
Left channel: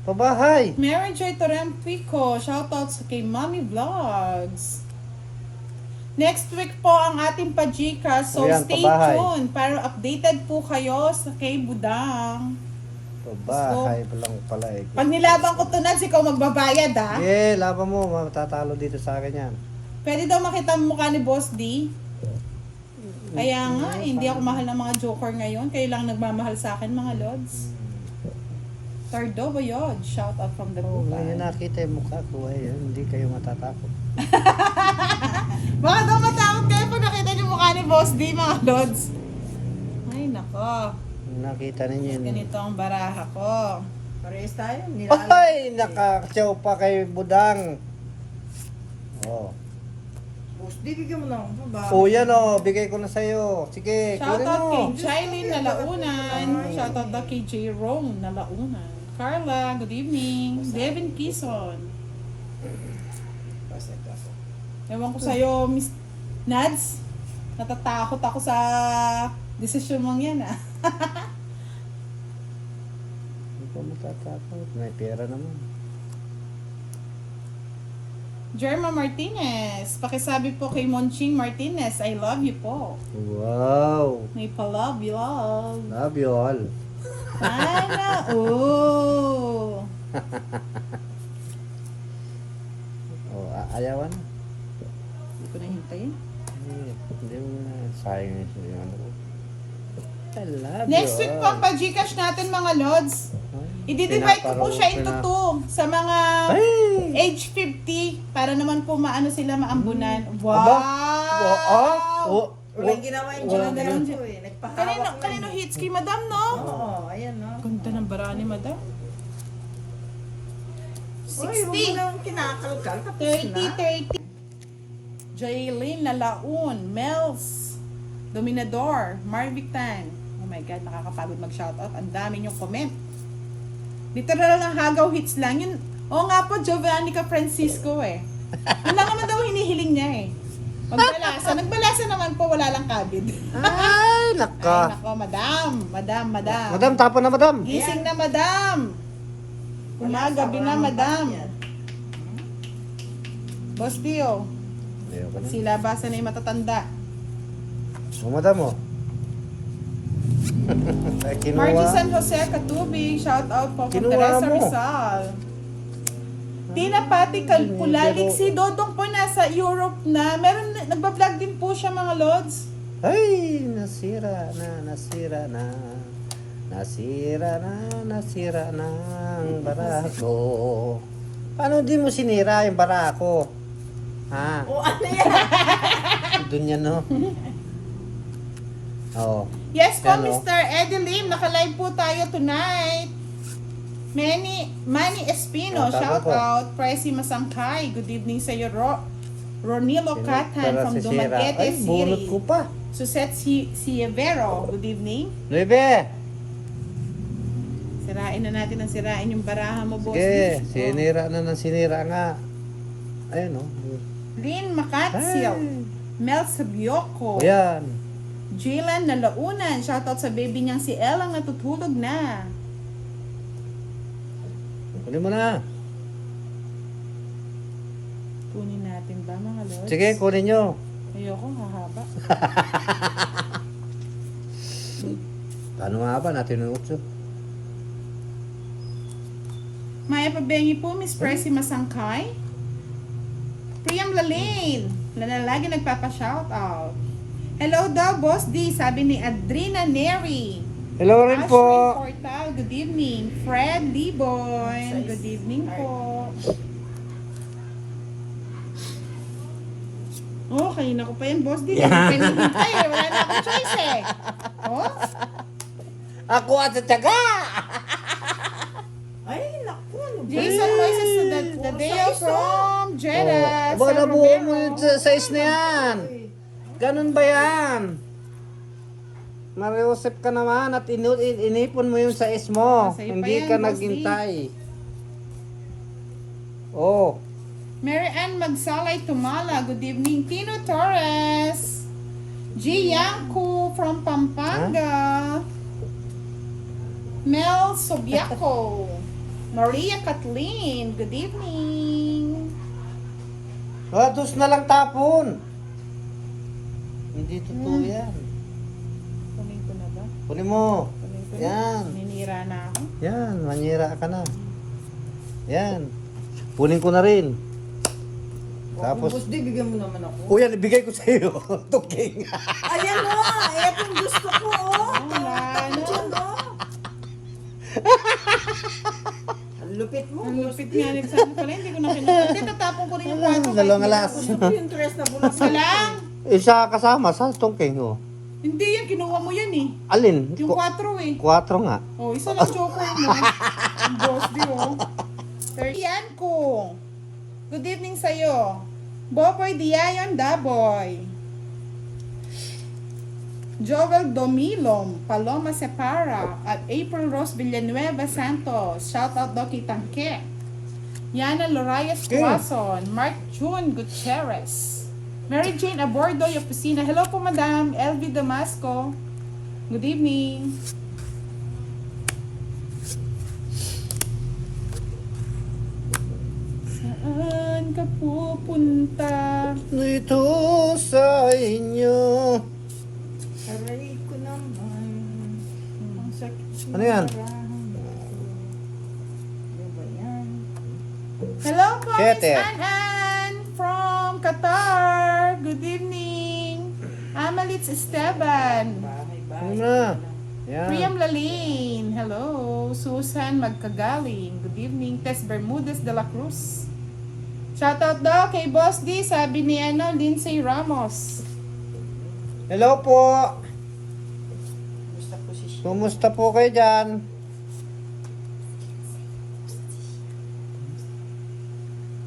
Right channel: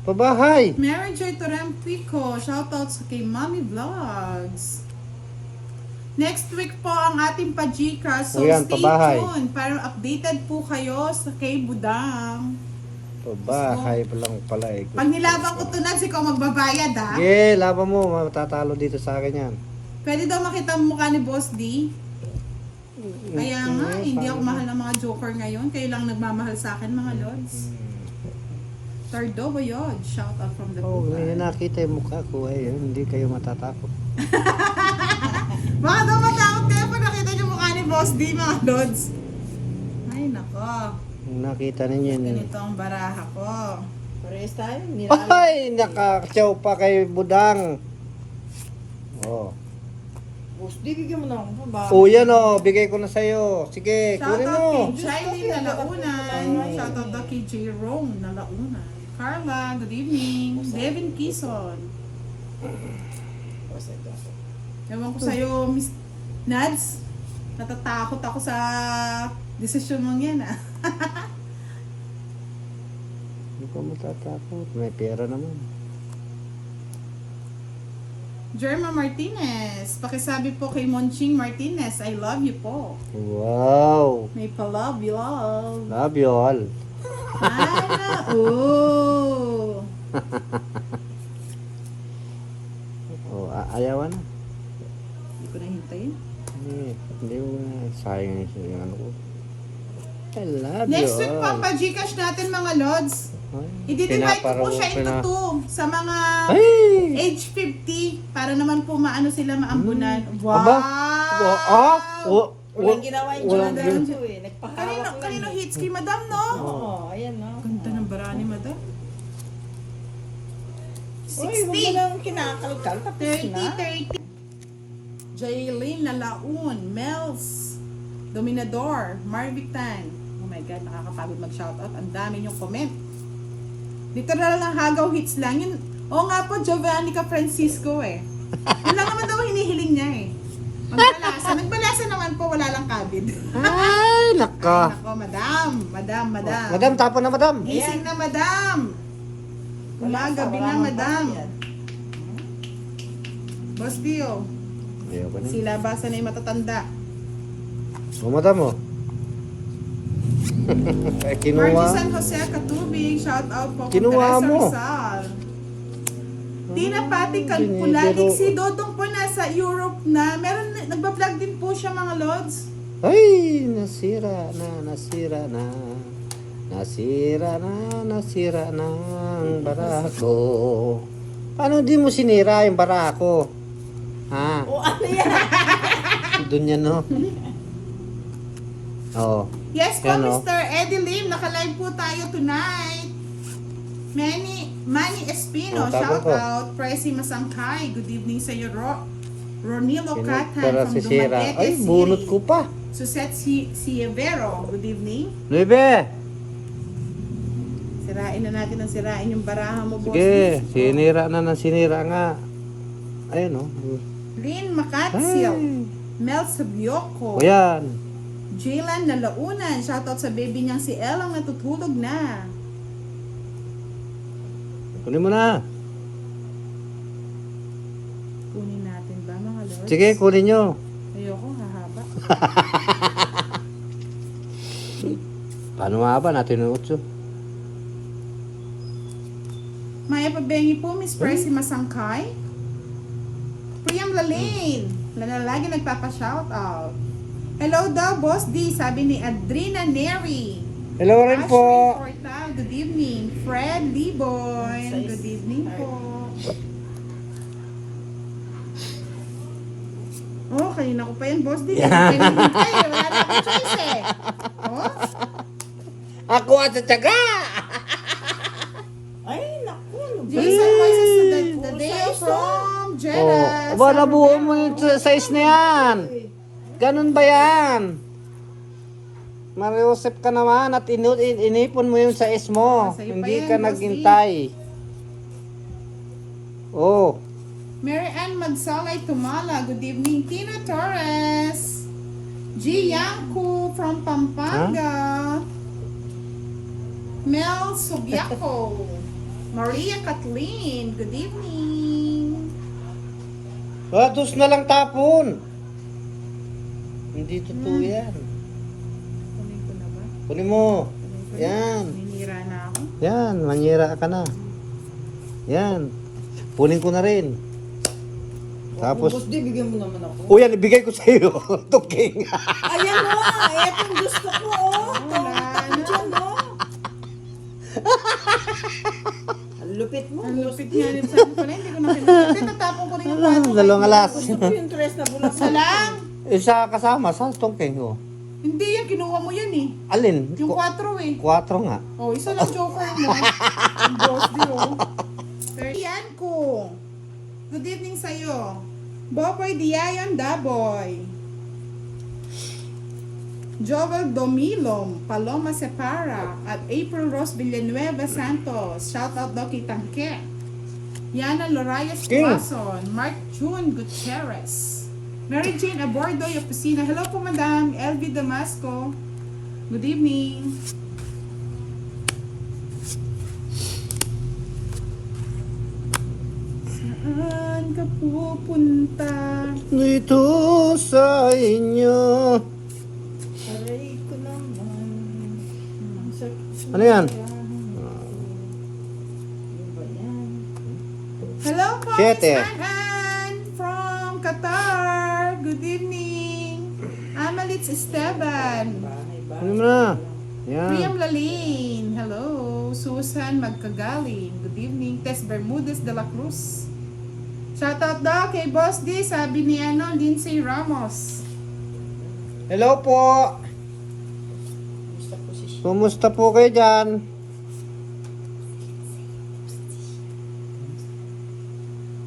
Pabahay! Mary Joy Torempico, shoutout sa kay Mommy Vlogs. Next week po ang ating Pajika, so Ayan, stay pabahay. tuned para updated po kayo sa kay Budang. Pabahay pa lang pala eh. Pag nilaban ko to, Nads, ikaw magbabayad ha. Eh, laban mo. Matatalo dito sa akin yan. Pwede daw makita ang mukha ni Boss D. Kaya nga, hindi ako mahal ng mga joker ngayon. Kayo lang nagmamahal sa akin, mga lods. Tardo Boyod, shout out from the Oh, Bukan. may nakita yung mukha ko eh. Hindi kayo matatakot. Baka daw matakot kayo pag nakita niyo mukha ni Boss D, mga lods. Ay, nako. Nakita ninyo yun. Ganito ang baraha ko. Parehas tayo. Nilalang. Ay, nakakasyaw pa kay Budang. Oh. Boss D, bigyan mo na ako. Pabahay. Oh, yan oh. Bigay ko na sa'yo. Sige, Shout kunin out mo. kay Shailene Nalaunan. Shout out daw kay J. Rome Nalaunan. Carla, good evening. Devin Kison. Ewan ko sa'yo, Miss Nads. Natatakot ako sa desisyon mong yan, ah. Hindi ko matatakot. May pera naman. Jerma Martinez. Pakisabi po kay Monching Martinez, I love you po. Wow. May pa-love you, love. Love you all. Ana, oh. Oh, ayawan. Hindi ko na hintayin. Hindi mo na. Sayang yung ano ko. I love Next you week all. po ang pa-Gcash natin, mga lods. Ay, I-divide ko po siya into pinaparaw- 2 sa mga Ay! age 50 para naman po maano sila maambunan. Wow! Aba? Ah? Oh, Walang ginawa yung walang Jordan ginawa. ko eh. Nagpahawak lang Kanino eh. hits kay Madam, no? Oo, ayan no. Ganda ng bara ni Madam. Uy, huwag mo 60, lang kinakalkal. Tapos 30, na. 30. Jaylene Nalaun, Mels, Dominador, Marvitan. Oh my God, nakakapagod mag-shoutout. Ang dami niyong comment. Literal na hagaw hits lang. Yun, oo nga po, Giovannica Francisco eh. Yun lang naman daw hinihiling niya eh. Pagbalasa. Nagbalasa naman po, wala lang kabid. Ay, Ay, naka. nako, madam. Madam, tapo na madam. Gising na, madam. Gabi na, madam. Boss Tio, Ayoko na. sila basa na yung matatanda. Oh, madam oh. Ay, Marky kinuha. San Jose Katubig, shout out po kay Kinuha Teresa mo. Rizal. Tina Pati Pero- Kalpulalig, si Dodong po nasa Europe na. Meron, nagbablog din po siya, mga lods. Ay, nasira na. Nasira na ang barako. Paano di mo sinira yung barako? Ha? O ano yan? Doon yan, no? Oh. Yes po, Yan, oh. Mr. Eddie Lim, naka-live po tayo tonight. Manny Espino, Oh, tago shout ko. out. Pricey Masangkay, good evening sa iyo, Ronilo Catan Pero from si Sira. Dumaguete Ay, bunot City. ko pa. Suset Sievero, good evening. Bebe. Sirain na natin ang sirain yung baraha mo, boss. Sige, sinira na ng sinira nga. Ayun, oh. Lynn Makatsil, Mel Sabioko, O yan. Jaylan Nalaunan, shoutout sa baby niyang si Elang natutulog na. Kunin mo na. Kunin natin ba, mga lords? Sige, kunin nyo. Ayoko, hahaba. Paano nga ba natin yung 8? Maya Pabengi po, Miss Percy Masangkay. Priam Lalane. Lagi nagpapa-shoutout. Hello daw, Boss D. Sabi ni Adrina Neri. Hello rin po. Ashley Portal, good evening. Fred Liboy, good evening po. Okay, naku pa yan, Boss D. Wala na akong choice eh. Oh? Ako at sa tiyaga! Ay, naku. Jason Moises to the day from Jeddah. Aba, nabuo mo yung size na yan. Ganun ba yan? Mariusip ka naman at inipon mo yung size mo. Sa'yo pa Hindi yan, ka Boss D. naghintay. Oh. Mary Ann Magsalay Tumala, good evening. Tino Torres. G. Yanku from Pampanga. Mel Sobiaco. Maria Kathleen, good evening. Dos na lang tapon. Hindi totoo yan. Kunin ko na ba? Kunin mo. Kunin ko na. Yan. Ninira na ako. Yan, mangira ka na. Yan. Punin ko na rin. Tapos, Boss D, bigyan mo naman ako. o yan, ibigay ko sa iyo. Tuking. Ayan mo, ito yung gusto ko, oh. Diyan, oh. Ang lupit mo, Ang Boss lupit D. nga rin sa pala, hindi ko na kinukit. Tatapon ko rin yung kwadro. Dalawang alas. Gusto ko yung dress na bulat. Isa lang. Isa kasama sa tungking ko. Hindi yan, kinuha mo yan eh. Alin? Yung 4 eh. 4 nga. Oh, isa lang joke mo. Ang boss di oh. Yan ko. Good evening sa'yo. Boboy Diayon Daboy. Joel Domilom, Paloma Separa, at April Rose Villanueva Santos. Shout out daw kay Tangke. Yana Lorayas Tuason, Mark June Gutierrez. Mary Jane Abordoy Oficina. Hello po, Madam. LV Damasco. Good evening. Saan ka pupunta? Dito sa inyo. Aray ko naman. Ang sakit. Ano yan? Ano ba yan? Hello po, Siete. Miss Ann from Qatar. Good evening. Amalits Esteban. Ano na? Yan. Priam Lalin. Hello. Susan Magkagaling. Good evening. Tess Bermudez de la Cruz. Shoutout daw kay Boss D. Sabi ni Lindsay Ramos. Hello po. Gusto ko si Kumusta po kayo dyan?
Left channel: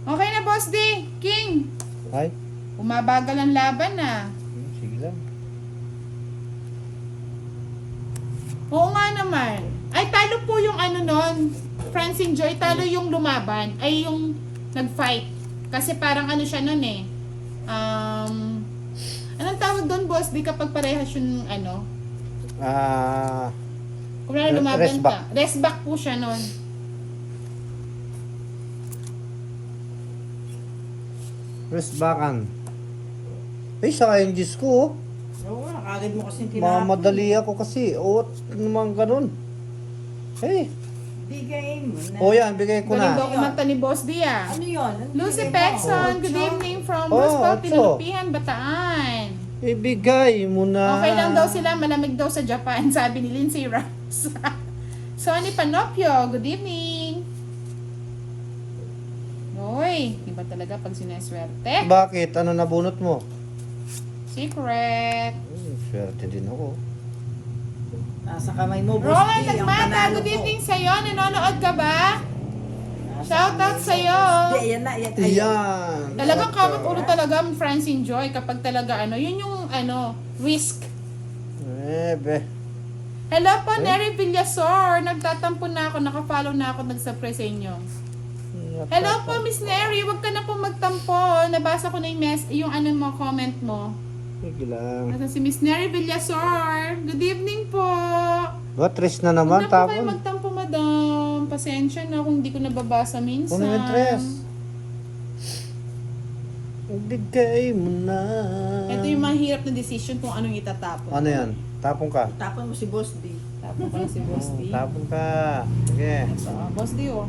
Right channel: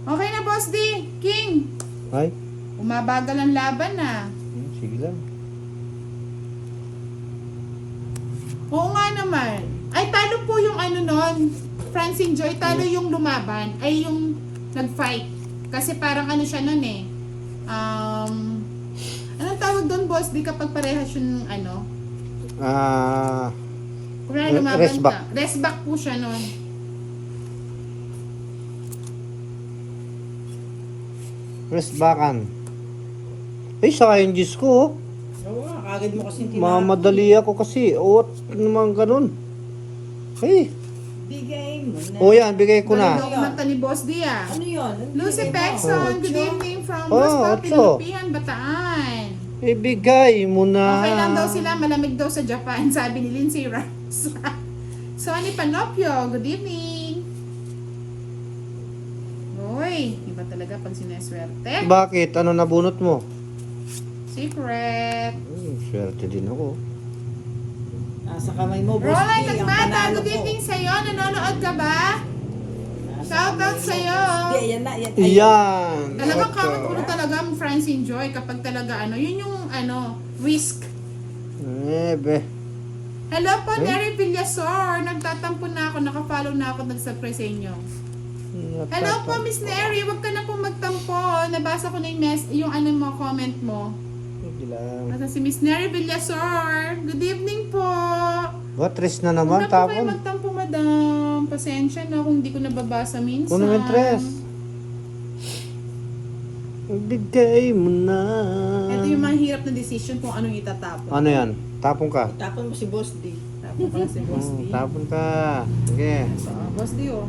Okay na, Boss D. King. Ay, Umabagal ang laban na. sige lang. Oo nga naman. Ay, talo po yung nun. Francine Joy, talo yung lumaban. Ay, yung nag-fight. Kasi parang siya nun eh. Anong tawag doon, Boss? Di kapag parehas yung kung lumaban Rest back. ka. Rest back po siya nun. Rest backan. Ay, sayang Diyos ko. Oo nga, kagad mo kasi tinapon. Mamadali ako kasi. O, naman ganun. Hey. Bigay mo na. O yan, bigay ko Galing na. daw kumanta ni Boss D ah. Ano yun? Lucy Pexon, good evening from Boss Oh, Papi, ocho. Lupihan, Bataan. Ibigay mo na. Okay lang daw sila, malamig daw sa Japan, sabi ni Lindsay Ramos. Sonny Panopio, good evening. Uy, iba talaga pag sinaswerte. Bakit? Ano nabunot mo? Secret. Swerte din ako. Nasa kamay mo, Boss Roland D, ang Nagmata, panalo good ko. evening sa'yo. Nanonood ka ba? Shoutout sa'yo. Di, ayan na. Ayan. Yan. Talagang kawat ulo talaga ang Francine Joy kapag talaga yun yung risk. Be. Hello po, Nery Villasor. Nagtatampo na ako, nakafollow na ako, nag-subscribe sa inyo. Hello po, Miss Nery. Huwag ka na po magtampo. Nabasa ko na yung mo, comment mo. Sige lang. Nasa si Miss Nery Villasor. Good evening po. Ba, tres na Huwag naman, na po kayo tapon. magtampo, madam. Pasensya na kung hindi ko nababasa minsan. Kuno ng tres. Ibigay mo na. Ito yung mga hirap na decision kung anong itatapon. Ano yan? Tapon ka. Tapon mo si Boss D. Wala si Boss D. Tapon ka. Sige. Boss D, oh.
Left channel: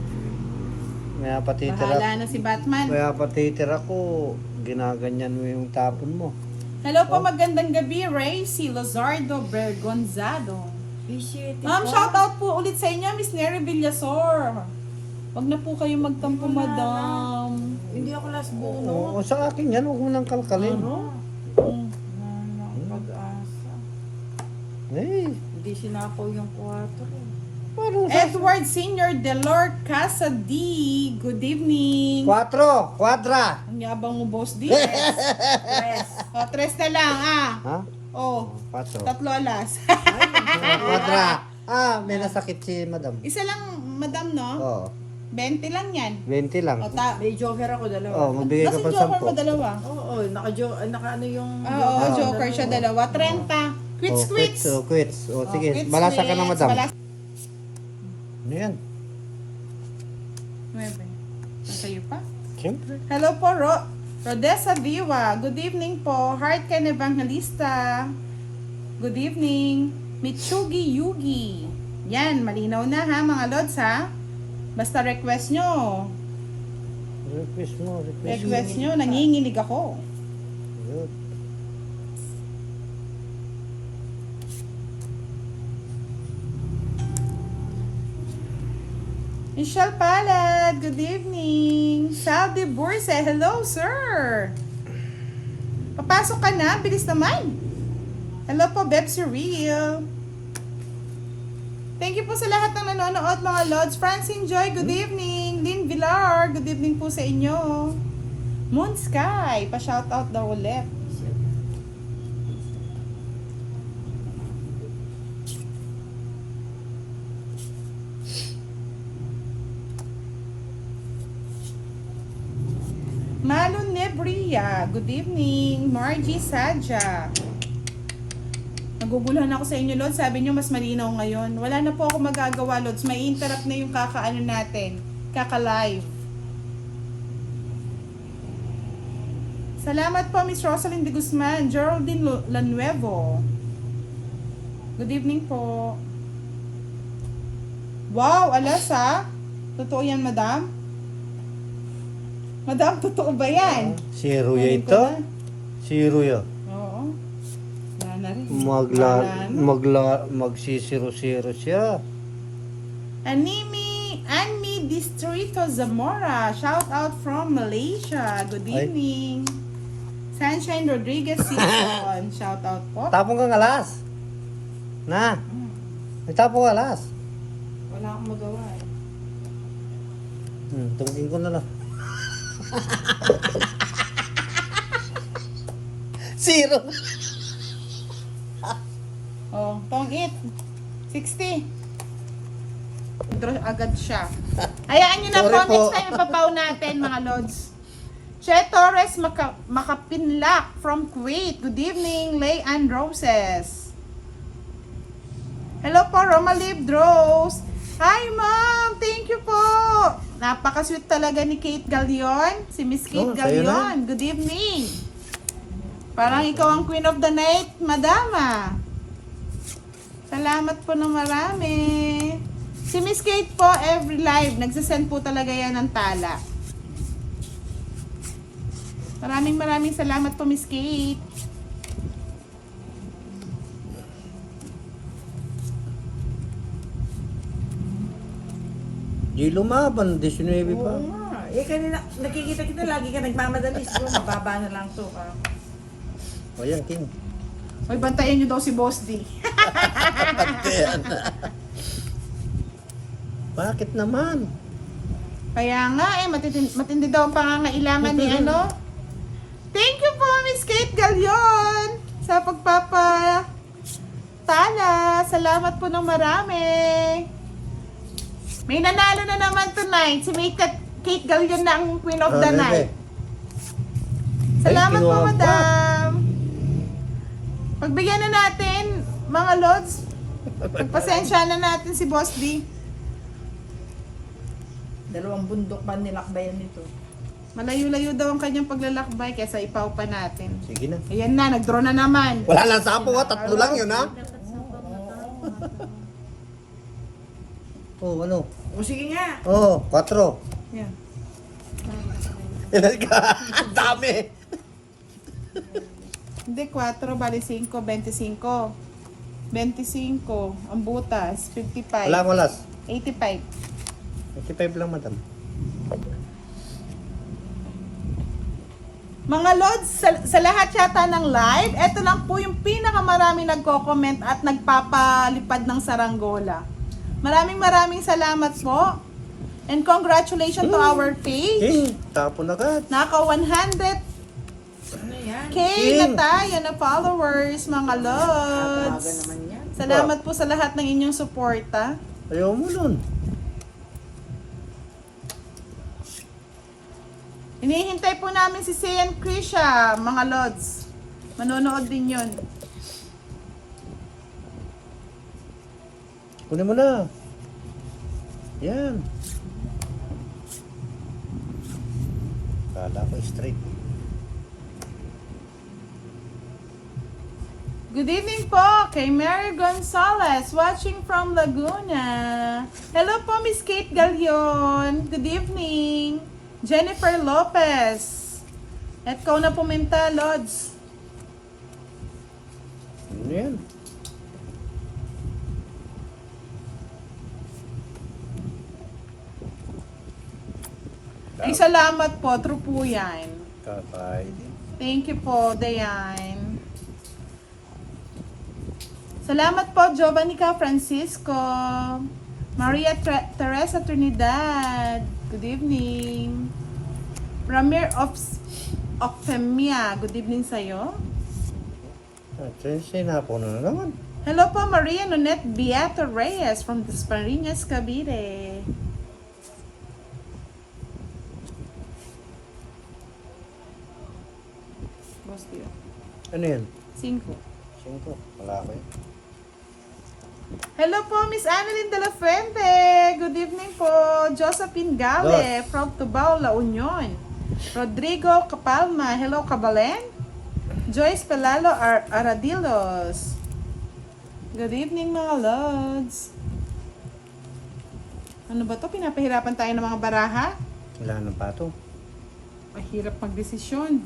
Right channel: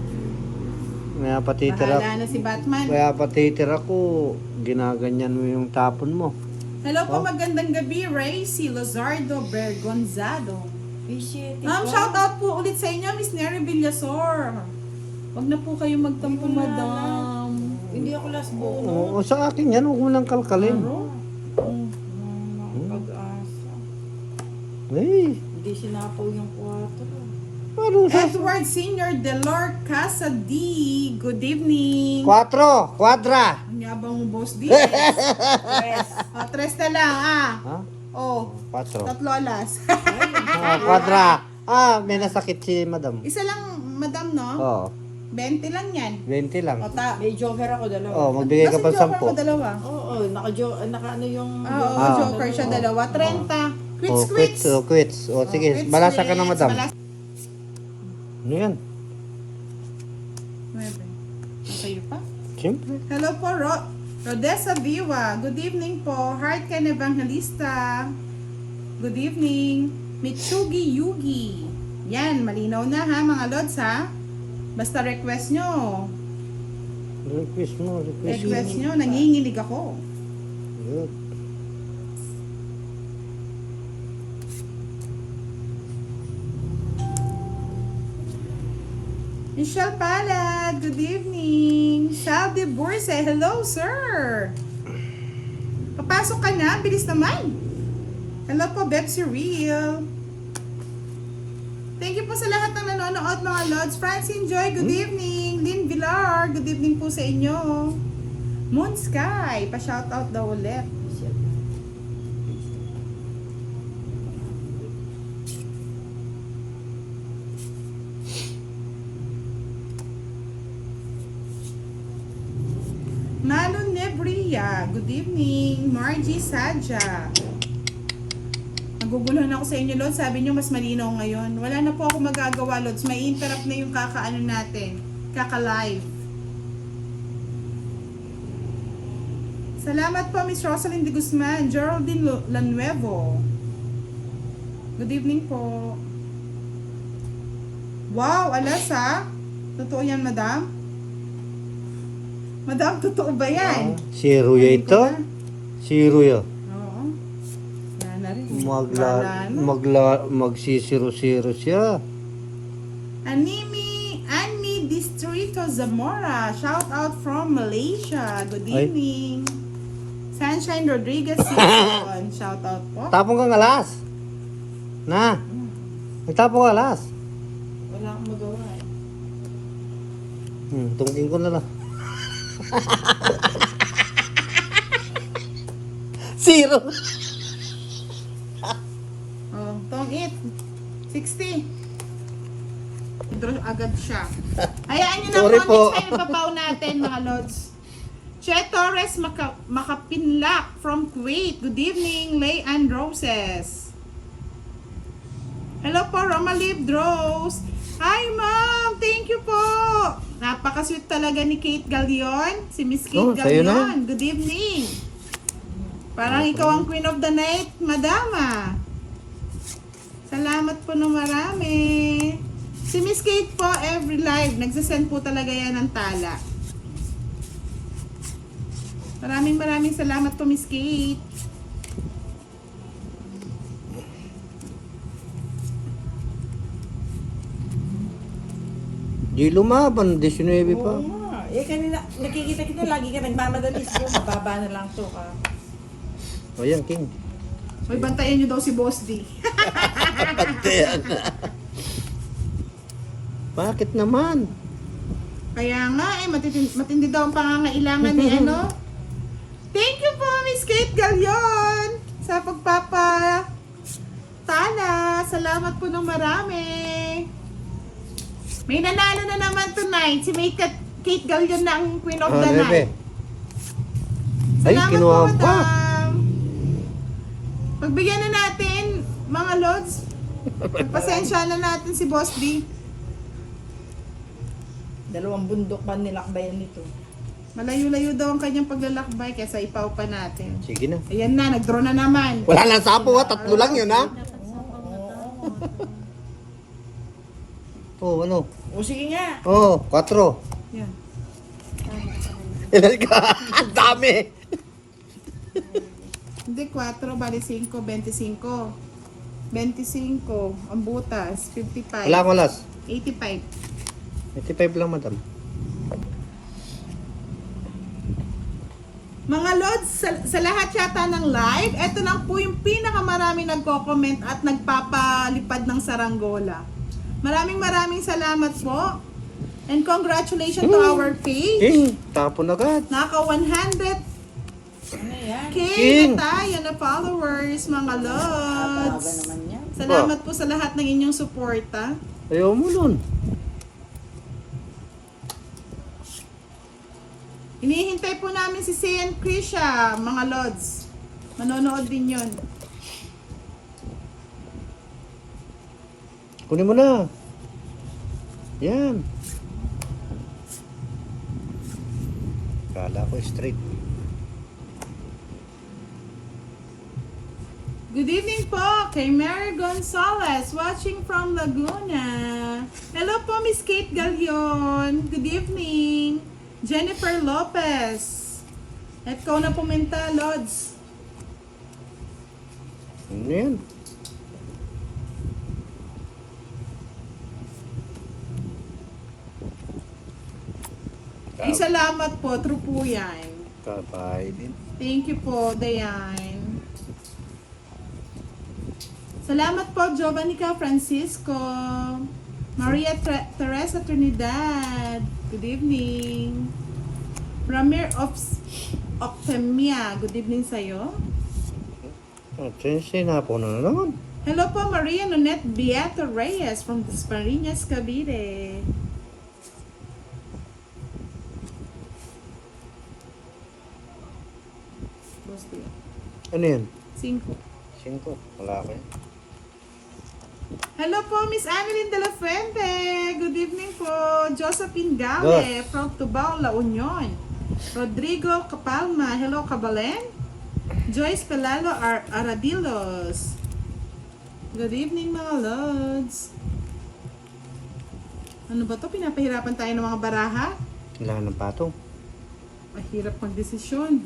Kaya patitira. Bahala na si Batman. Kaya patitira ko. Ginaganyan mo yung tapon mo. Hello po, magandang gabi, Racy Lozardo Bergonzado. Appreciate it. Ma'am, shoutout po ulit sa inyo, Miss Neri Villasor. Huwag na po kayo magtampo, madam. Hindi ako last bono. Oo, sa akin yan. Huwag mo nang kalkalin. Pag-asa. Eh, Hindi sinapaw yung 4. parang sa... Edward Senior Delor Casa D. Good evening. 4. Quadra. Ang yabang mo, Boss D. Press. O, 3 na lang, ah. Ha? Oh, 4. 3 alas. Quadra. May nasakit si madam. Isa lang, madam, no? Oo. 20 lang yan. 20 lang. O, May joker ako, dalawa. Oh, magbigay ka pa Nasa joker mo 10. dalawa. Oo, naka ano yung... Oo, joker siya dalawa. 30. Quits, Oh, quits. quits. Oh, quits. Oh, sige. Quits, Balasa ka na, quits. madam. Balasa. Ano yan? Sa'yo pa? Siyempre. Hello po, Rodessa Viva. Good evening po. Heart Ken Evangelista. Good evening. Mitsugi Yugi. Yan, malinaw na ha mga lods ha. Basta request nyo. Request mo. Request nyo, nanginginig ako. Good. Michelle Palad, good evening. Shalby Burse, hello sir. Papasok ka na, bilis naman. Hello po, Bepsi Real. Thank you po sa lahat ng nanonood mga Lods. Francine Joy, good evening. Lynn Villar, good evening po sa inyo. Moon Sky, pa-shoutout daw ulit. Malon Nebria, good evening. Margie Sadja. Naguguluhan ako sa inyo, Lods. Sabi nyo, mas malinaw ngayon. Wala na po ako magagawa, Lods. May interrupt na yung kakaano natin. Kaka-live. Salamat po, Miss Rosalind de Guzman. Geraldine Lanuevo. Good evening po. Wow, alas ha? Totoo yan, madam? Madam, totoo ba yan? Si Ruya Kunin ko ito? na. Si Ruya. Oo. Yan na rin. Wala na. Magsisiro-siro siya. Annie Distrito Zamora. Shout out from Malaysia. Good evening. Sunshine Rodriguez Sipon. Shout out po. Tapong kang alas. Na. Nagtapong ka alas. Wala akong magawa eh. Tungkin ko na lang. Zero. Oh, tong it. 60. Draw agad siya. Hayaan nyo na Sorry po. po. Next time ipapaw natin mga Lods. Che Torres Makapinlak from Kuwait. Good evening, Lay and Roses. Hello po, Romalib Rose. Hi, ma'am. Thank you po. Napaka-sweet talaga ni Kate Galion. Si Miss Kate sa'yo Galion. Good evening. Parang ikaw ang queen of the night, madama. Salamat po ng marami. Si Miss Kate po, every live, nagsasend po talaga yan ng tala. Maraming salamat po, Miss Kate. Di lumaban, 19 pa. Oo nga. Eh, kanina, nakikita kita, lagi ka nagmamadali. So, mababa na lang to ka. O yan, King. Hoy, bantayan nyo daw si Boss D. Bakit naman? Kaya nga matindi daw ang pangangailangan ni ano. Thank you po, Miss Kate Galion, sa pagpapa tala. Salamat po ng marami. May nanalo na naman tonight. Si May Kate Galion na ang queen of the night. Salamat po, kinuha pa. madam. Pagbigyan na natin, mga Lods. Pasensya na natin si Boss D. 2 bundok pa nilakbayan nito. Malayo-layo daw ang kanyang paglalakbay kesa ipaw pa natin. Sige na. Ayan na, nag-draw na naman. Wala na sapo ha, 3 lang yun ha. Oh, ano? O sige nga. Oh, 4. Yan. Ilan ka? Ang dami! Hindi, 4, bali 5, 25. 25, ang butas, 55. Wala akong alas. 85. 85 lang, madam. Mga Lods, sa lahat yata ng live, eto lang po yung pinakamarami nagko-comment at nagpapalipad ng saranggola. Maraming salamat po. And congratulations to our page. King, tapon agad. Naka 100K Ano yan? King. na tayo na followers, mga Aga Lods. naman yan. Salamat po sa lahat ng inyong suporta. Ayaw mo nun. Hinihintay po namin si Sayan Krisha, mga Lods. Manonood din yun. Kunin mo na. Yan. Kala ko straight. Good evening po kay Mary Gonzalez watching from Laguna. Hello po Miss Kate Galion. Good evening. Jennifer Lopez. At ko na pumunta, Lods. Ano yan? Ay, salamat po. True po yan. Kapay din. Thank you po, Dayan. Salamat po, Jovanica Francisco. Maria Teresa Trinidad. Good evening. Ramir Octemia. Good evening sa'yo. Change na po na naman. Hello po, Maria Nonette Beato Reyes from Desparinas, Cavite. Boss dear. Ano yan? 5. 5. Wala ko yan. Hello po, Miss Annalyn de la Fuente. Good evening po. Josephine Gale from Tubao, La Union. Rodrigo Capalma. Hello, Kabalen. Joyce Pelalo Aradilos. Good evening, mga Lods. Ano ba to? Pinapahirapan tayo ng mga baraha? Kailangan ng patong. Mahirap magdesisyon.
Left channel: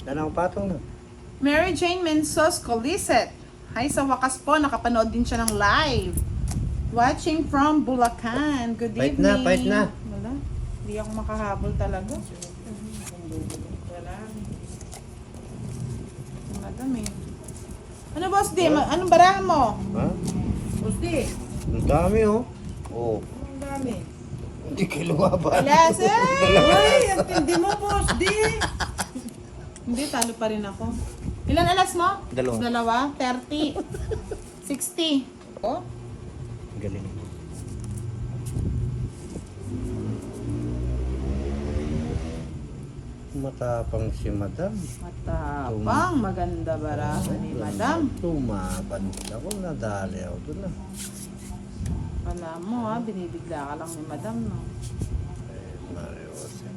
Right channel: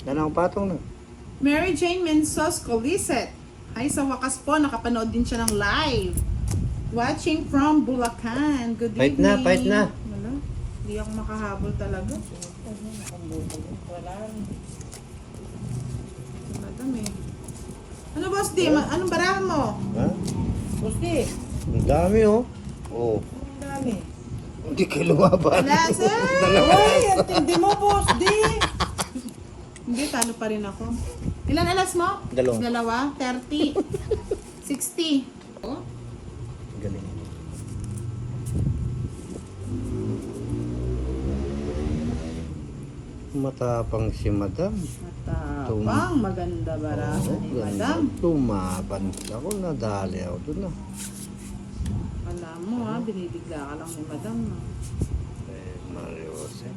Kailangan ng patong na. Mary Jane Mensos Coliset. Hi, sa wakas po, nakapanood din siya ng live. Watching from Bulacan. Good Fight evening. na, fight na. Wala. Hindi ako makahabol talaga. Wala. Madam eh. Ano boss di? Anong barahan mo? Ha? Gusti. Ang dami oh. Oo. Ang dami. Hindi ka lumaban. Alas eh! Ay, ang tindi mo, boss. Di. Hindi, talo pa rin ako. Ilan alas mo? Dalawa. 30. 60. Oh? Galing. Matapang si madam. Matapang. Maganda barahan ni madam. Tumaban ako, nadali ako doon na. Alam mo ha, binibigla ka lang ni madam no? Mario Jose.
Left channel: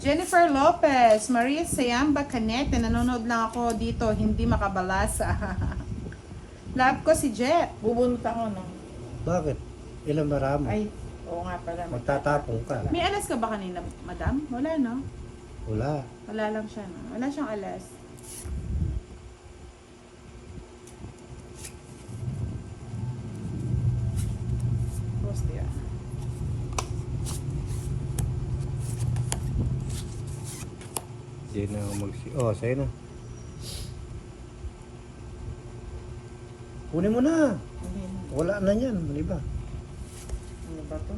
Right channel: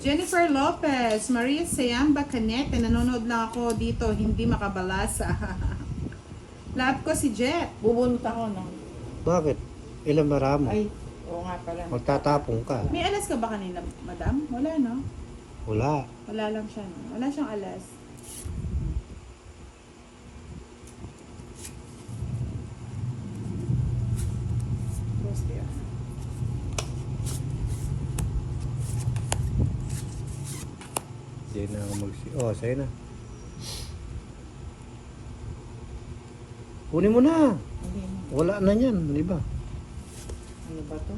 Jennifer Lopez, Maria Sayamba Canete, nanonood lang ako dito, hindi makabalasa. Love ko si Jet. Bubunta ko no. Bakit? Ilang maramo? Ay, oo nga pala. Magtatapong ka. May alas ka ba kanina, madam? Wala, no? Wala. Wala lang siya, no? Wala siyang alas. Post yan. Hindi na ako Oh, sa'yo na. Kunin mo na. Wala na yan, di ba? Ano ba to?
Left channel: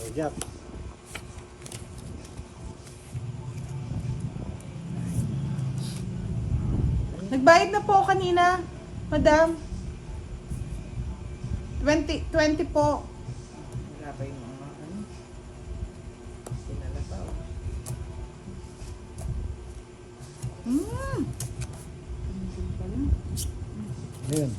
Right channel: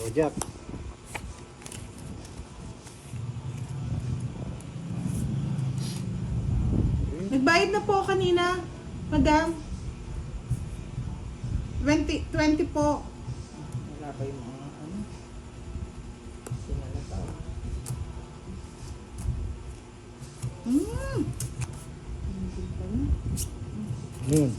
Oh, Jack. Nagbayad na po kanina, madam. 20 po. Wala pa yung mga ano. Sinala pa. Yun.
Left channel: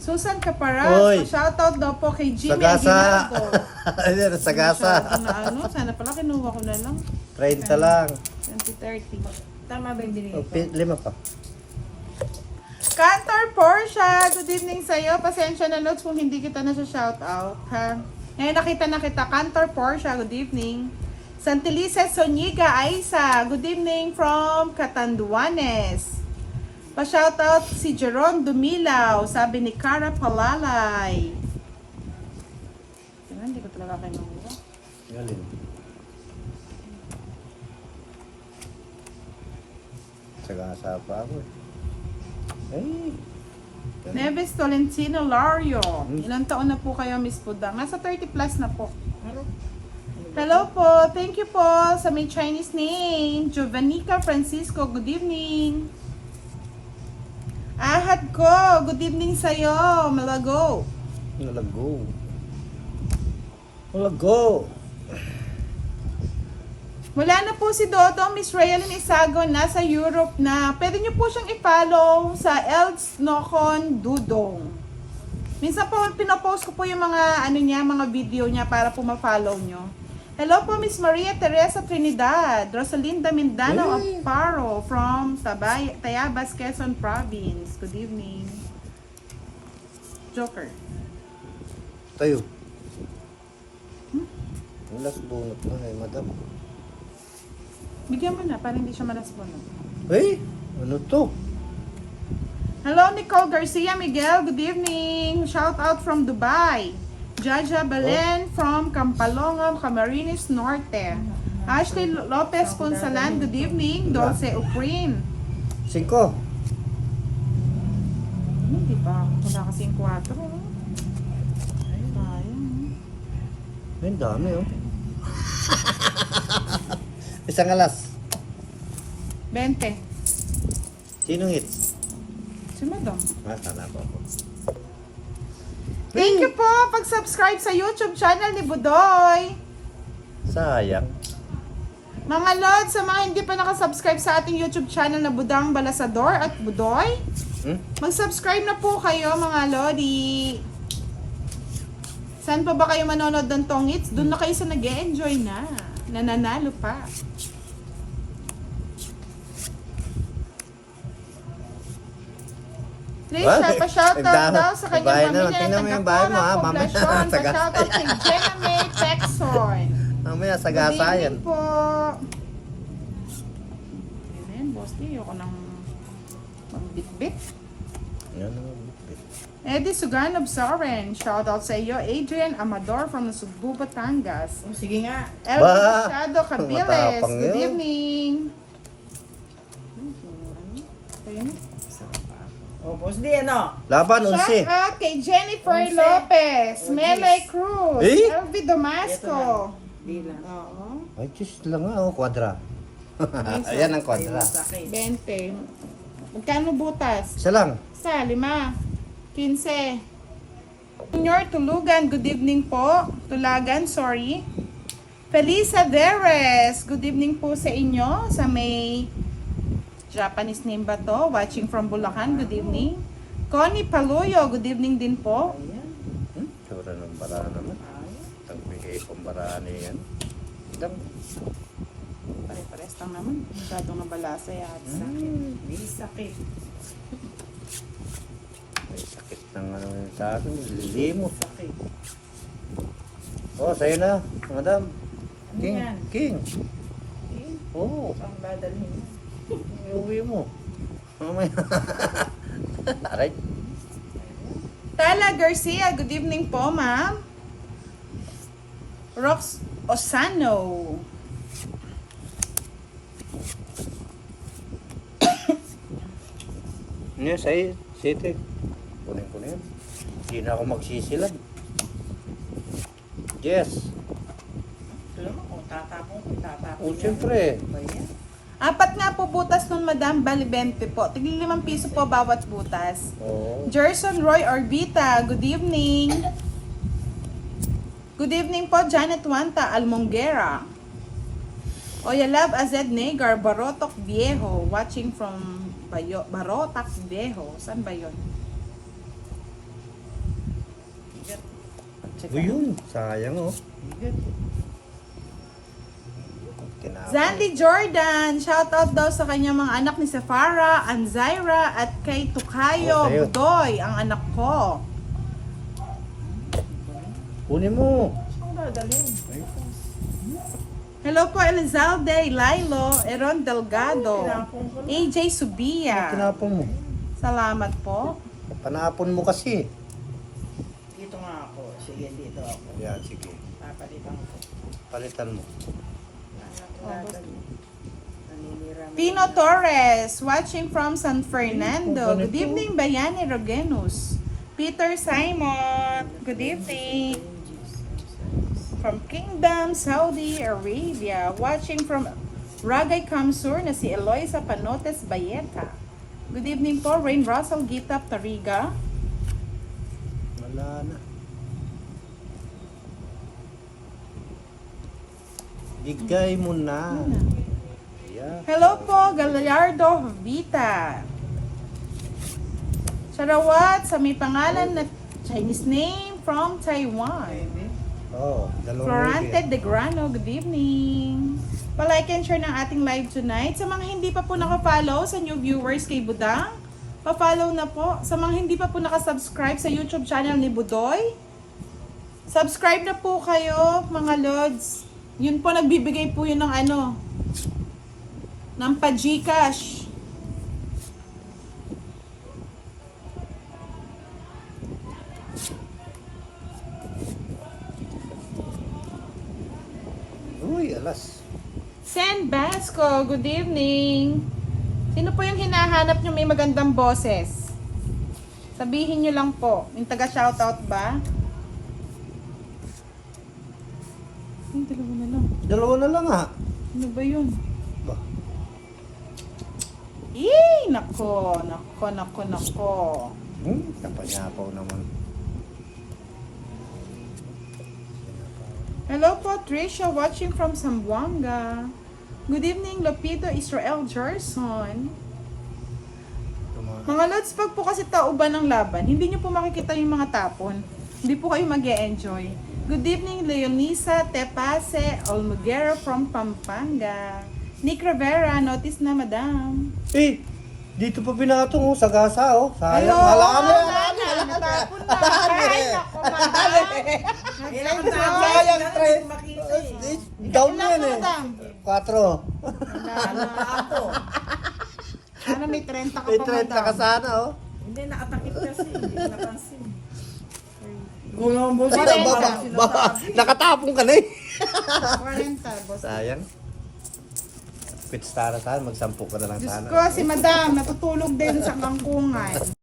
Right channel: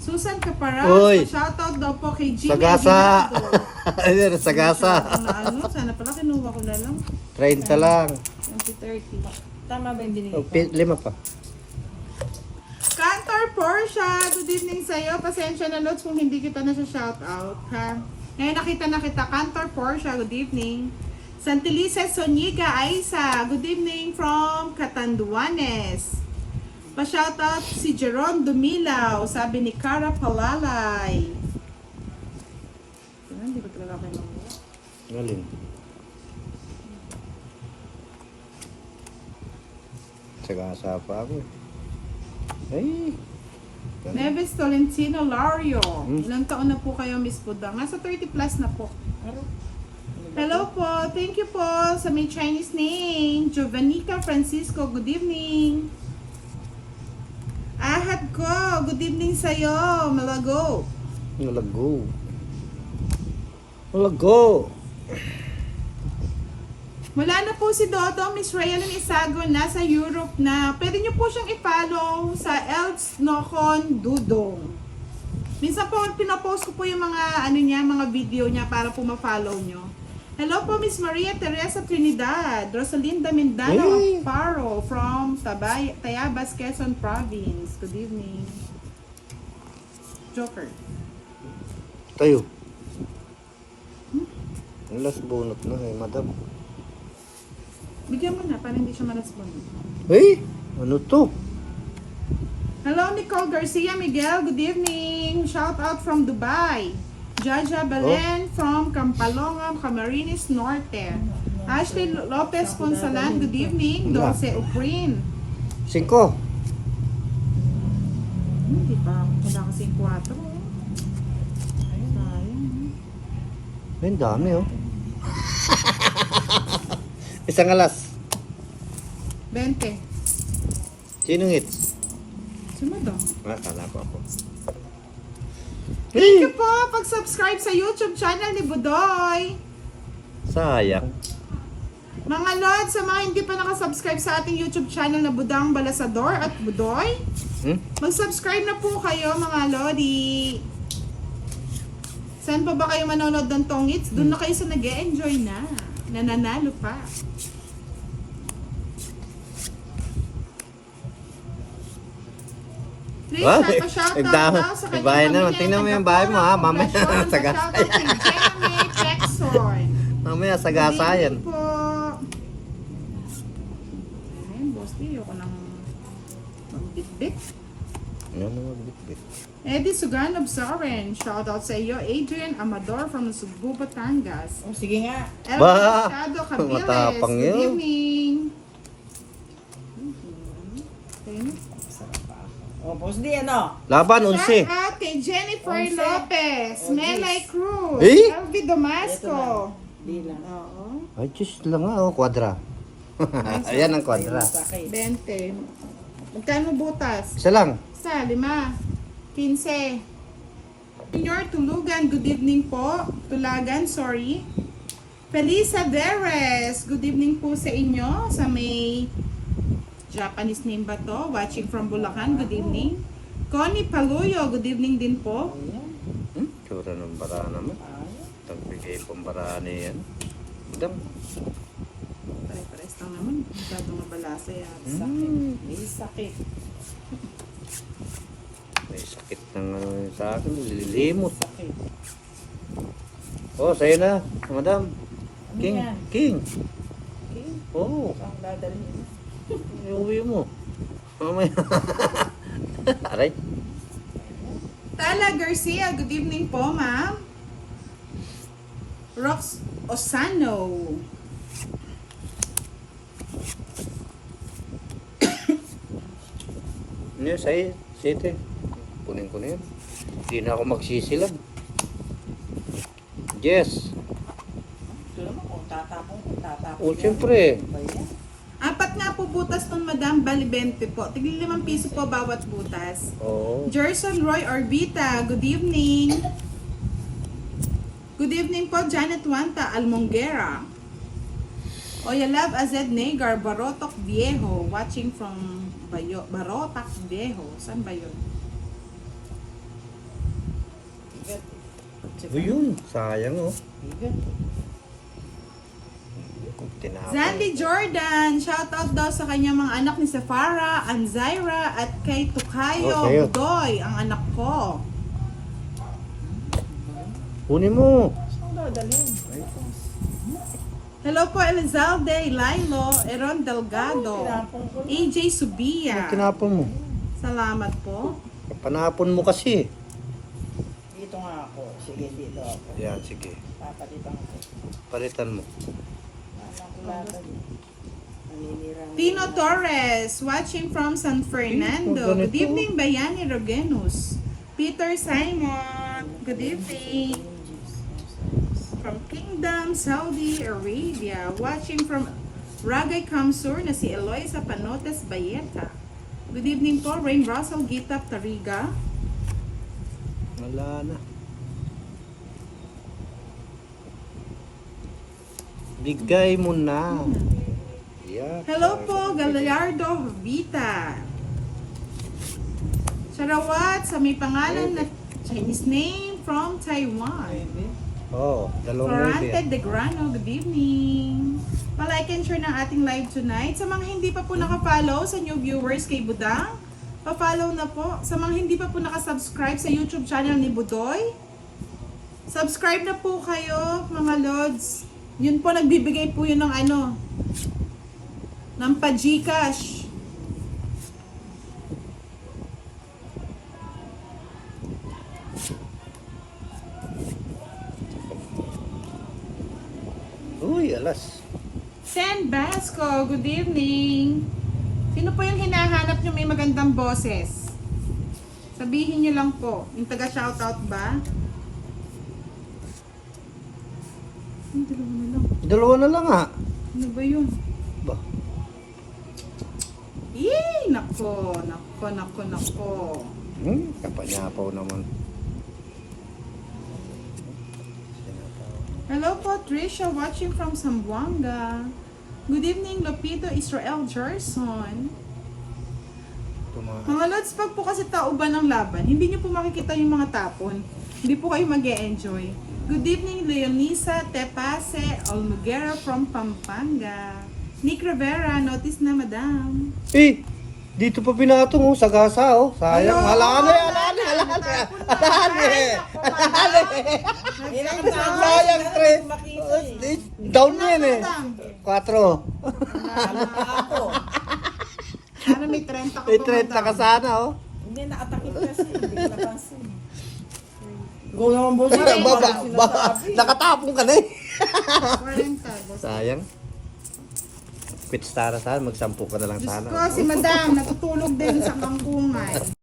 Susan Caparas, Oy. shoutout daw po kay Jimmy Sagasa. Aguinaldo. Ayun, sagasa. Na ano, sana pala kinuha ko na lang. 30 lang. 2030. Tama ba yung binigay Oh, ko? 5 pa. Cantor Portia, good evening sa'yo. Pasensya na notes kung hindi kita na sa shoutout, ha? Ngayon nakita na kita. Cantor Portia, good evening. Santelices Soniga Aisa, good evening from Catanduanes. Pa-shoutout si Jerome Dumilaw, sabi ni Cara Palalay. Ito na, hindi ko talaga kinuha. Galing. Sagasa pa ako. Ay. Neves Tolentino Lario. Ilang taon na po kayo, Miss Pudang? Nasa 30 plus na po. Hello po. Thank you po sa may Chinese name. Jovanika Francisco, good evening. Ahad ko, good evening sa'yo. Malago. Malago. Malago. Wala na po si Dodo, Miss Raylin Isago, nasa Europe na. Pwede niyo po siyang i-follow sa Els Nocon Dudong. Minsan po, pinopost ko po yung mga, ano niya, mga video niya para po ma-follow niyo. Hello po, Miss Maria Teresa Trinidad, Rosalinda Mindano of Paro from Tayabas, Quezon Province. Good evening. Joker. Tayo. Ang last bunot na eh, madam. Bigyan mo na, para hindi siya malasbonon. Ay, ano to? Hello, Nicole Garcia Miguel. Good evening. Shout out from Dubai. Jaja Balen from Campalongan, Camarines Norte. Ashley Lopez Ponsalan. Good evening. Dulce Uprin. 5. Hindi pa. Wala kasing 4. Ayun. Ang dami oh. Isang alas. 20. Sinong hits? Sino daw? Kala ko ako. Thank you po pag-subscribe sa YouTube channel ni Budoy. Sayang. Mga Lods, sa mga hindi pa nakasubscribe sa ating YouTube channel na Budang Balasador at Budoy, mag-subscribe na po kayo mga Lodi. Saan pa ba kayo manonood ng Tongits? Doon na kayo sa nag-e-enjoy na. Nananalo pa. Please, pa-shoutout daw sa kanyang bahay naman. pamilya. Tingnan mo yung bahay mo ha. Mamaya sagasa Pa-shoutout kay Jenna May Pexon. Mamaya sagasa yan. Good evening po. Ayun, boss, ayoko nang magbitbit. Yan ang magbitbit. Eddie Suganov Soren, shoutout sa iyo. Adrian Amador from Cebu, Batangas. Oh, sige nga. Elvin Bah! Machado Cabiles, Matapang good yun. evening. Oh, boss di ano? Laban, Shout 11. out kay Jennifer Onse. Lopez, Oh, Melay Cruz, Eh? Elvi Damasco. Di lang. Oo. Ay, just lang ha. Oh, kwadra. Ayan ang kwadra. Sakit. 20. Magkano butas? Isa lang. Sa 5. 15. Senior Tulugan, good evening po. Tulagan, sorry. Felisa Veres, good evening po sa inyo. Sa may Japanese name ba to? Watching from Bulacan, good evening. Connie Paluyo, good evening din po. Tsura ng baraan naman. Tagbigay pang baraan eh yan. Madam. Pare-pares lang naman. Masyadong mabalasa yata. May sakit. May sakit ng sa akin. Nililimot. Sakit. Oh, sa'yo na. Madam. Ano King. yan? King. Okay. Oh, Saan dadalhin mo? iuwi mo. Mamaya. Aray. Tala Garcia, good evening po, ma'am. Rox Osano. Ano yun, sa'yo? Sete. Kunin ko na yun. Hindi na ako magsisilan. Yes. Ito naman kung tatapon. Oh, siyempre. Ba yan? 4 nga po butas nun, madam. Bali 20 po. Tigil 5 piso po bawat butas. Oo. Gerson Roy Orbita, good evening. Good evening po, Janet Wanta Almonguera. Oyalab Azed Negar, Barotok Viejo. Watching from Barotac Viejo. Saan ba yun? O yun, sayang oh. Tinapay. Zandy Jordan, shoutout daw sa kanyang mga anak ni Safara, Anzaira, at kay Tukayo Okay. Budoy, ang anak ko. Kunin mo. Saan dadalhin? Hello po Elizalde, Lilo, Eron Delgado, Tinapon ko na. AJ Subia. Tinapon mo. Salamat po. Panapon mo kasi. Dito nga ako. Sige, dito ako. Yan, sige. Papalitan ako. Palitan mo. Naninira mo. Tino Torres, watching from San Fernando. Good evening, Bayani Rogenus. Peter Simon, good evening. From Kingdom, Saudi Arabia. Watching from Ragay Kamsur na si Eloisa Panotes Bayeta. Good evening po, Rain Russell Gitap Tariga. Wala na. Bigay mo na. Yan. Hello po, Gallardo Vita. Sarawat sa may pangalan na Chinese name from Taiwan. Oh, dalawang Florante lady. de Grano, good evening. Pa-like and share ng ating live tonight. Sa mga hindi pa po naka-follow sa new viewers kay Budang, pa-follow na po. Sa mga hindi pa po naka-subscribe sa YouTube channel ni Budoy, subscribe na po kayo, mga lods. Yun po, nagbibigay po yun ng ano, ng pa-Gcash. Uy, alas. Sen Basco, good evening. Sino po yung hinahanap nyo may magandang boses? Sabihin nyo lang po. Yung taga-shoutout ba? Yung dalawa na lang. Dalawa na lang ha. Ano ba yun? Ba? Nako. Kapanyapaw naman. Hello po, Tricia, watching from Zamboanga. Good evening, Lopito Israel Gerson. Mga lods, pag po kasi tauban ng laban, hindi nyo po makikita yung mga tapon. Hindi po kayo mag-e-enjoy. Good evening, Leonisa Tepase Olmuguera from Pampanga. Nick Rivera, notice na madam. Eh, dito pa pinatong oh, sagasa oh. Sayang. Hello, Halaan na yan. natapon na. Ay, nako, madam. Sayang, tre. Makita eh. Down na yan eh. Madam. 4. Ano ka ako? Sana may 30 ka pa, May 30 ka madam. sana oh. Hindi, nakatakip kasi. Hindi ko napansin. Ikaw naman boss. Nakatapong ka na eh. 40, boss. Sayang. Pit star sana, magsampu ka na lang Diyos sana. ko, si madam, natutulog din sa kangkungan.